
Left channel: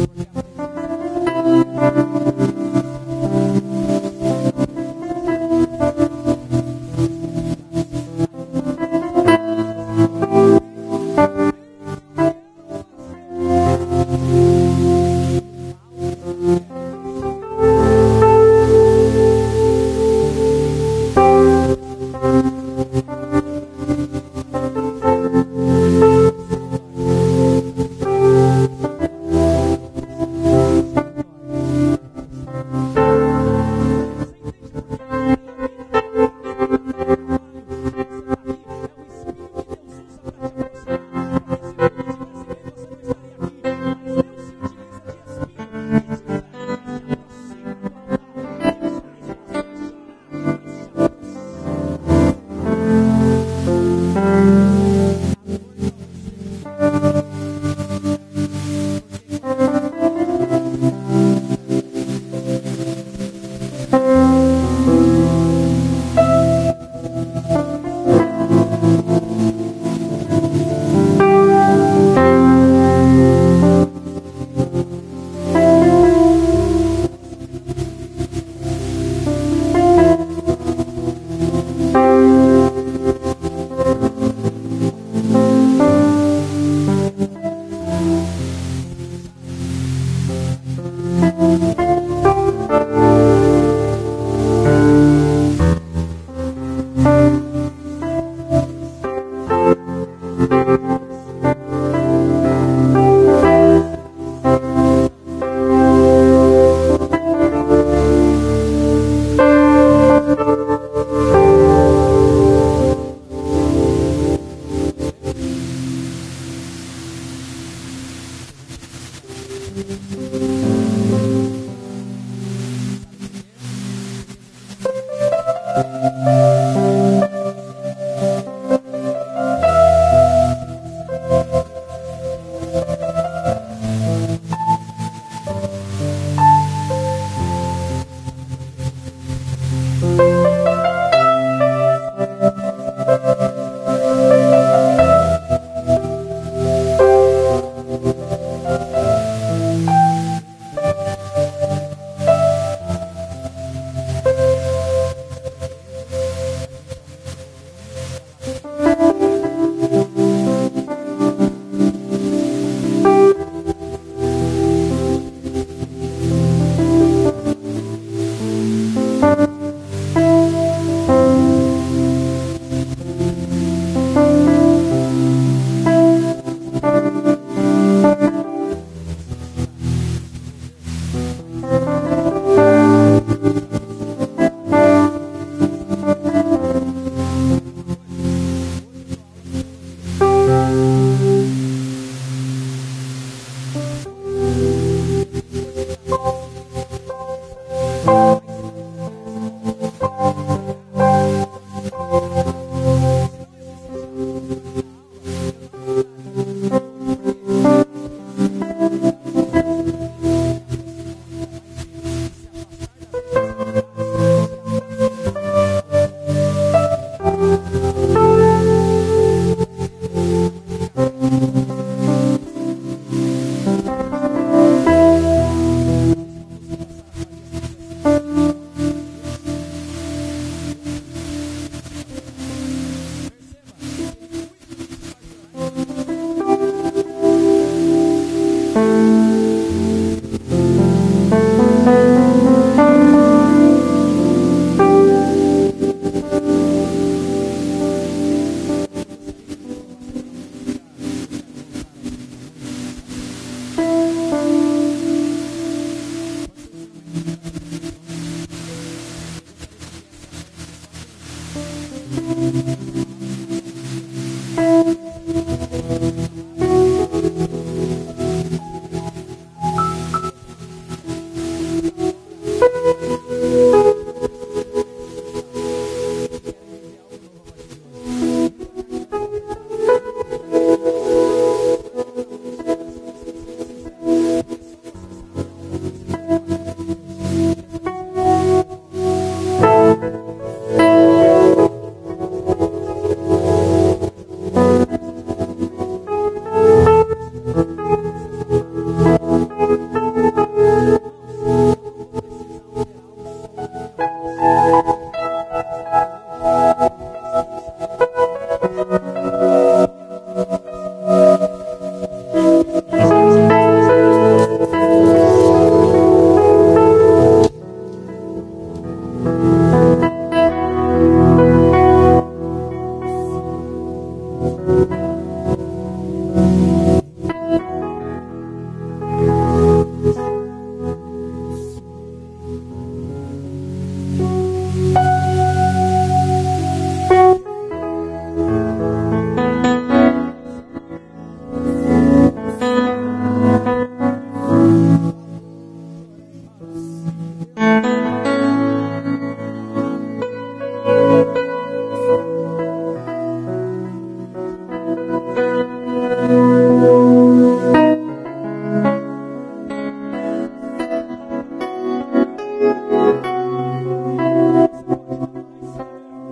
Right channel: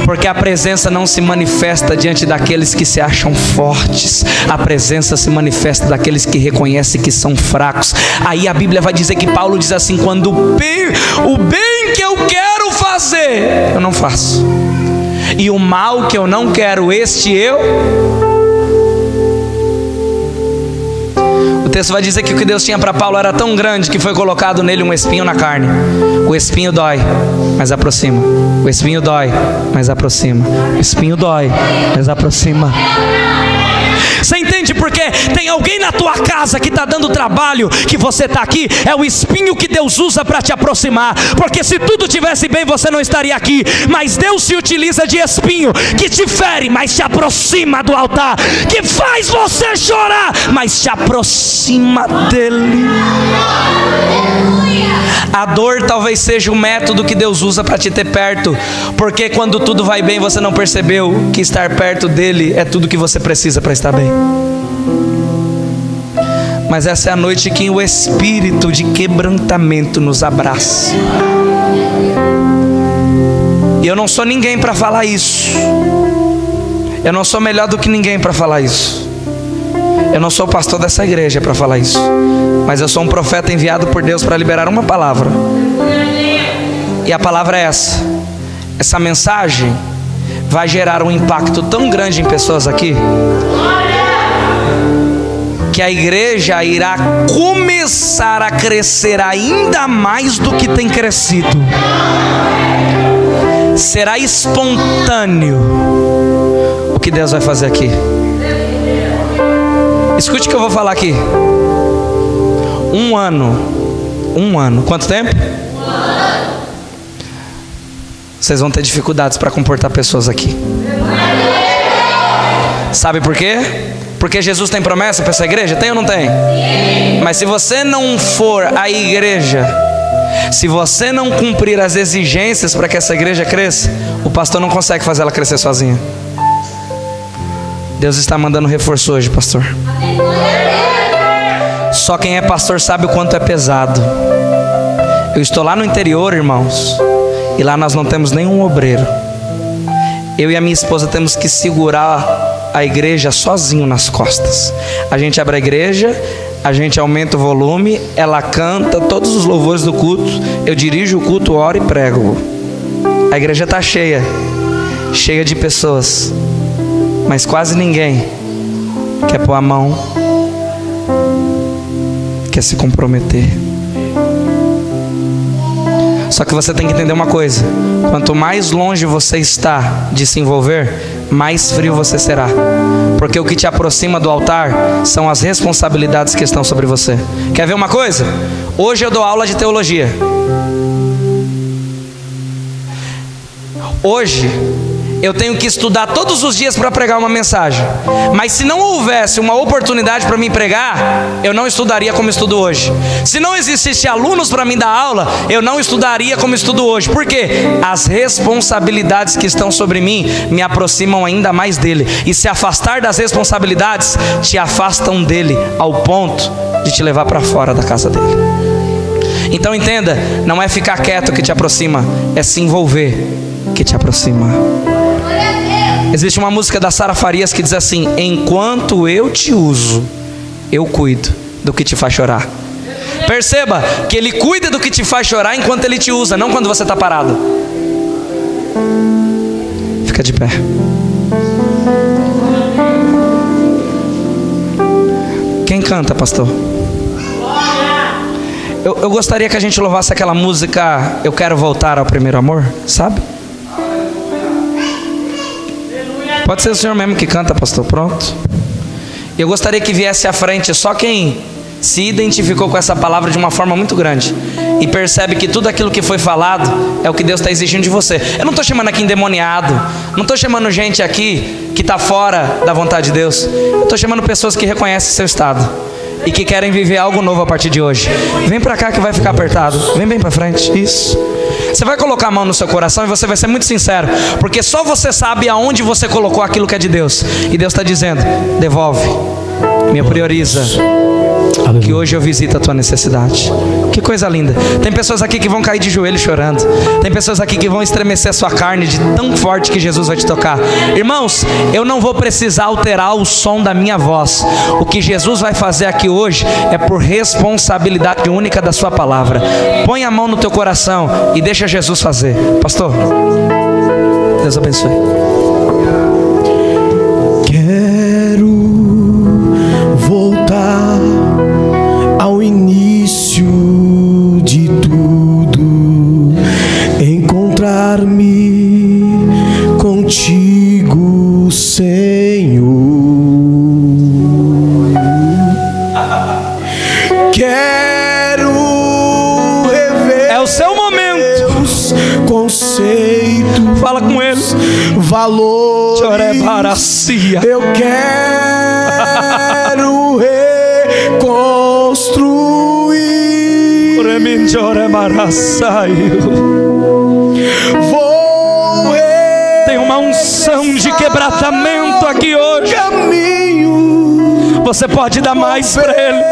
Porque a presença não se manifesta diante daqueles que se acham fortes. A presença se manifesta daqueles que reconhecem que são fracos. Aí a Bíblia vai dizer que Paulo diz assim: quando o bem que eu quero fazer, eu não faço. E o mal que eu não quero, este eu... O texto vai dizer que o que Deus tinha para Paulo era tão grande que foi colocado nele um espinho na carne. O espinho dói, mas aproxima. O espinho dói, mas aproxima. O espinho dói, mas aproxima. Você entende por quê? Tem alguém na tua casa que está dando trabalho, que você está aqui. É o espinho que Deus usa para te aproximar. Porque se tudo tivesse bem, você não estaria aqui. Mas Deus se utiliza de espinho que te fere, mas te aproxima do altar. Que faz você chorar, mas te aproxima dele. A dor talvez seja o método que Deus usa para te ter perto. Porque quando tudo vai bem, você não percebeu que estar perto dele é tudo que você precisa para estar bem. Mas essa é a noite que o espírito de quebrantamento nos abraça. E eu não sou ninguém para falar isso. Eu não sou melhor do que ninguém para falar isso. Eu não sou pastor dessa igreja para falar isso. Mas eu sou um profeta enviado por Deus para liberar uma palavra. E a palavra é essa. Essa mensagem vai gerar um impacto tão grande em pessoas aqui, que a igreja irá começar a crescer ainda mais do que tem crescido. Será espontâneo o que Deus vai fazer aqui. Escute o que eu vou falar aqui. Um ano. Quanto tempo? Vocês vão ter dificuldades para comportar pessoas aqui. Sabe por quê? Porque Jesus tem promessa para essa igreja? Tem ou não tem? Mas se você não for à igreja, se você não cumprir as exigências para que essa igreja cresça, o pastor não consegue fazer ela crescer sozinha. Deus está mandando reforço hoje, pastor. Só quem é pastor sabe o quanto é pesado. Eu estou lá no interior, irmãos, e lá nós não temos nenhum obreiro. Eu e a minha esposa temos que segurar a igreja sozinho nas costas. A gente abre a igreja, a gente aumenta o volume, ela canta todos os louvores do culto, eu dirijo o culto, oro e prego. A igreja está cheia de pessoas, mas quase ninguém quer pôr a mão, quer se comprometer. Só que você tem que entender uma coisa: quanto mais longe você está de se envolver, mais frio você será. Porque o que te aproxima do altar são as responsabilidades que estão sobre você. Quer ver uma coisa? Hoje eu dou aula de teologia. Hoje eu tenho que estudar todos os dias para pregar uma mensagem. Mas se não houvesse uma oportunidade para mim pregar, eu não estudaria como estudo hoje. Se não existisse alunos para mim dar aula, eu não estudaria como estudo hoje. Por quê? As responsabilidades que estão sobre mim me aproximam ainda mais dele. E se afastar das responsabilidades te afastam dele, ao ponto de te levar para fora da casa dele. Então entenda, não é ficar quieto que te aproxima, é se envolver que te aproxima. Existe uma música da Sara Farias que diz assim: enquanto eu te uso, eu cuido do que te faz chorar. Perceba que ele cuida do que te faz chorar enquanto ele te usa, não quando você está parado. Fica de pé. Quem canta, pastor? Eu gostaria que a gente louvasse aquela música Eu Quero Voltar ao Primeiro Amor, sabe? Pode ser o senhor mesmo que canta, pastor, pronto. Eu gostaria que viesse à frente só quem se identificou com essa palavra de uma forma muito grande e percebe que tudo aquilo que foi falado é o que Deus está exigindo de você. Eu não estou chamando aqui endemoniado, não estou chamando gente aqui que está fora da vontade de Deus. Estou chamando pessoas que reconhecem seu estado e que querem viver algo novo a partir de hoje. Vem para cá que vai ficar apertado. Vem bem para frente. Isso. Você vai colocar a mão no seu coração e você vai ser muito sincero, porque só você sabe aonde você colocou aquilo que é de Deus. E Deus está dizendo: devolve, me prioriza, que hoje eu visito a tua necessidade. Que coisa linda. Tem pessoas aqui que vão cair de joelho chorando. Tem pessoas aqui que vão estremecer a sua carne de tão forte que Jesus vai te tocar. Irmãos, eu não vou precisar alterar o som da minha voz. O que Jesus vai fazer aqui hoje é por responsabilidade única da sua palavra. Põe a mão no teu coração e deixa Jesus fazer. Pastor, Deus abençoe. Quero voltar ao início de tudo, encontrar-me contigo, Senhor. Quero rever. É o seu momento. Conceitos, fala com ele. Valores. Eu quero reconstruir. Tem uma unção de quebrantamento aqui hoje. Você pode dar mais para ele.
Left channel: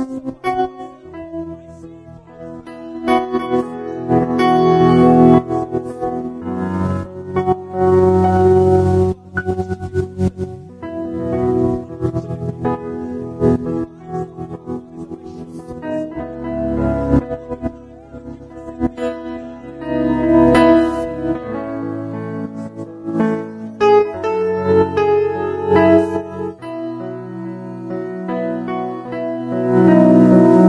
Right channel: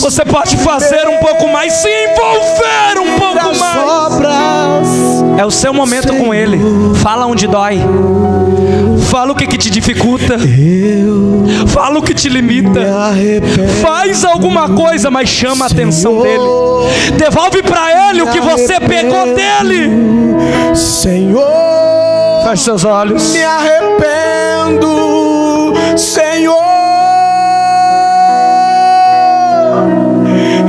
Você pode fazer um pouco mais, se envolver um pouco mais. É o seu momento com ele. Fala onde dói. Fala o que te dificulta. Fala o que te limita. Faz alguma coisa, mas chama a atenção dele. Devolve para ele o que você pegou dele. Senhor, feche seus olhos. Me arrependo, Senhor.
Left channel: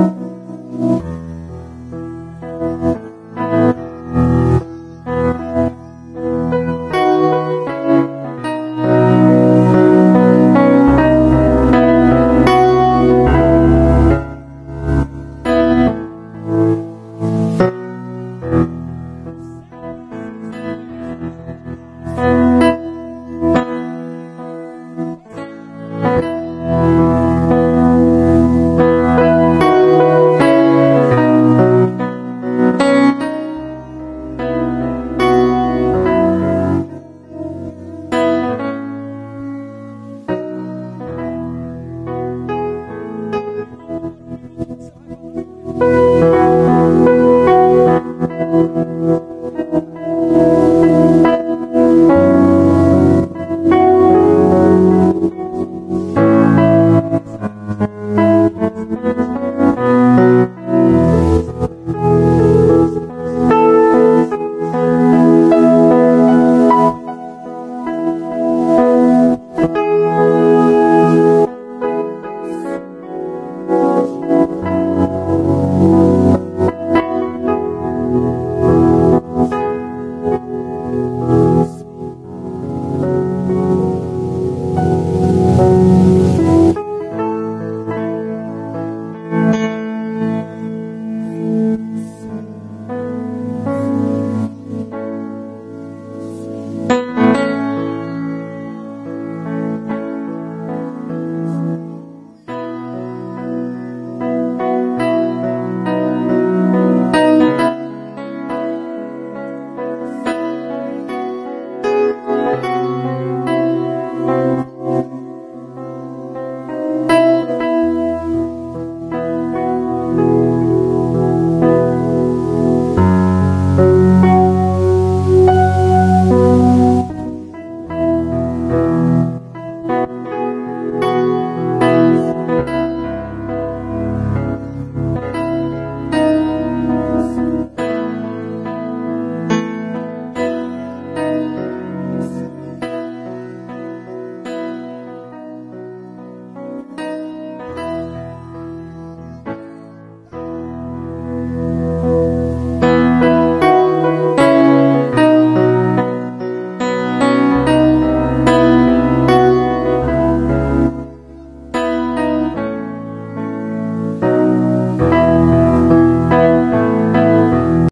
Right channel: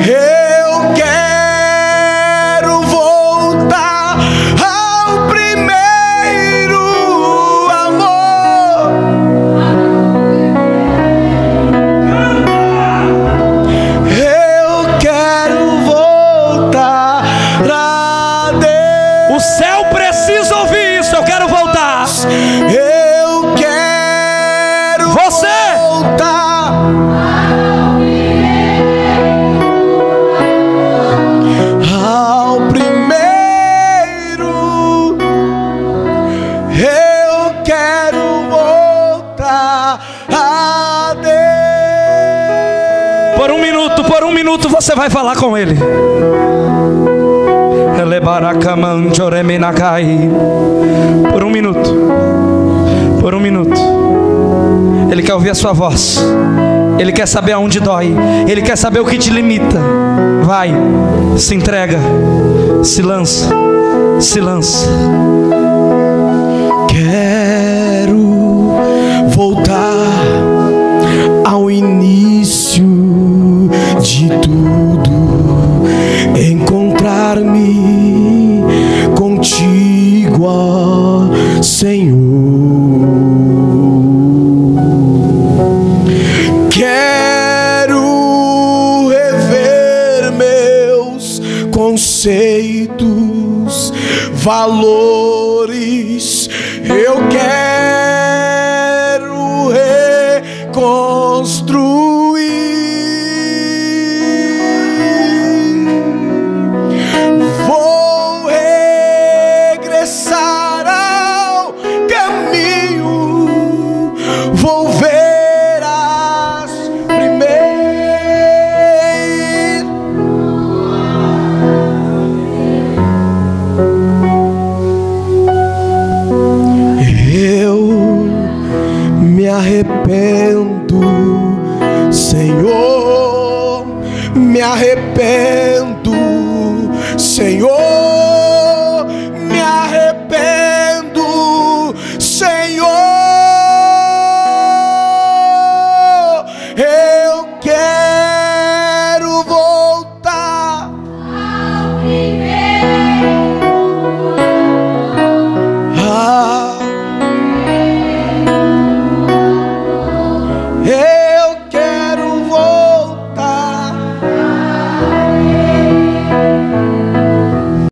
Eu quero voltar ao primeiro amor. Eu quero voltar a Deus. O céu precisa ouvir isso. Eu quero voltar. Eu quero voltar ao primeiro. Eu quero voltar a Deus. Por um minuto você vai falar com ele. Por um minuto. Ele quer ouvir a sua voz. Ele quer saber aonde dói. Ele quer saber o que te limita. Vai, se entrega, se lança, se lança. Quero voltar ao início de tudo, encontrar-me contigo, ó Senhor. Quero rever meus conceitos, conceitos, valores. Eu quero reconstruir. Vou regressar ao caminho, vou ver as primeiras. Eu me arrependo, Senhor, me arrependo, Senhor.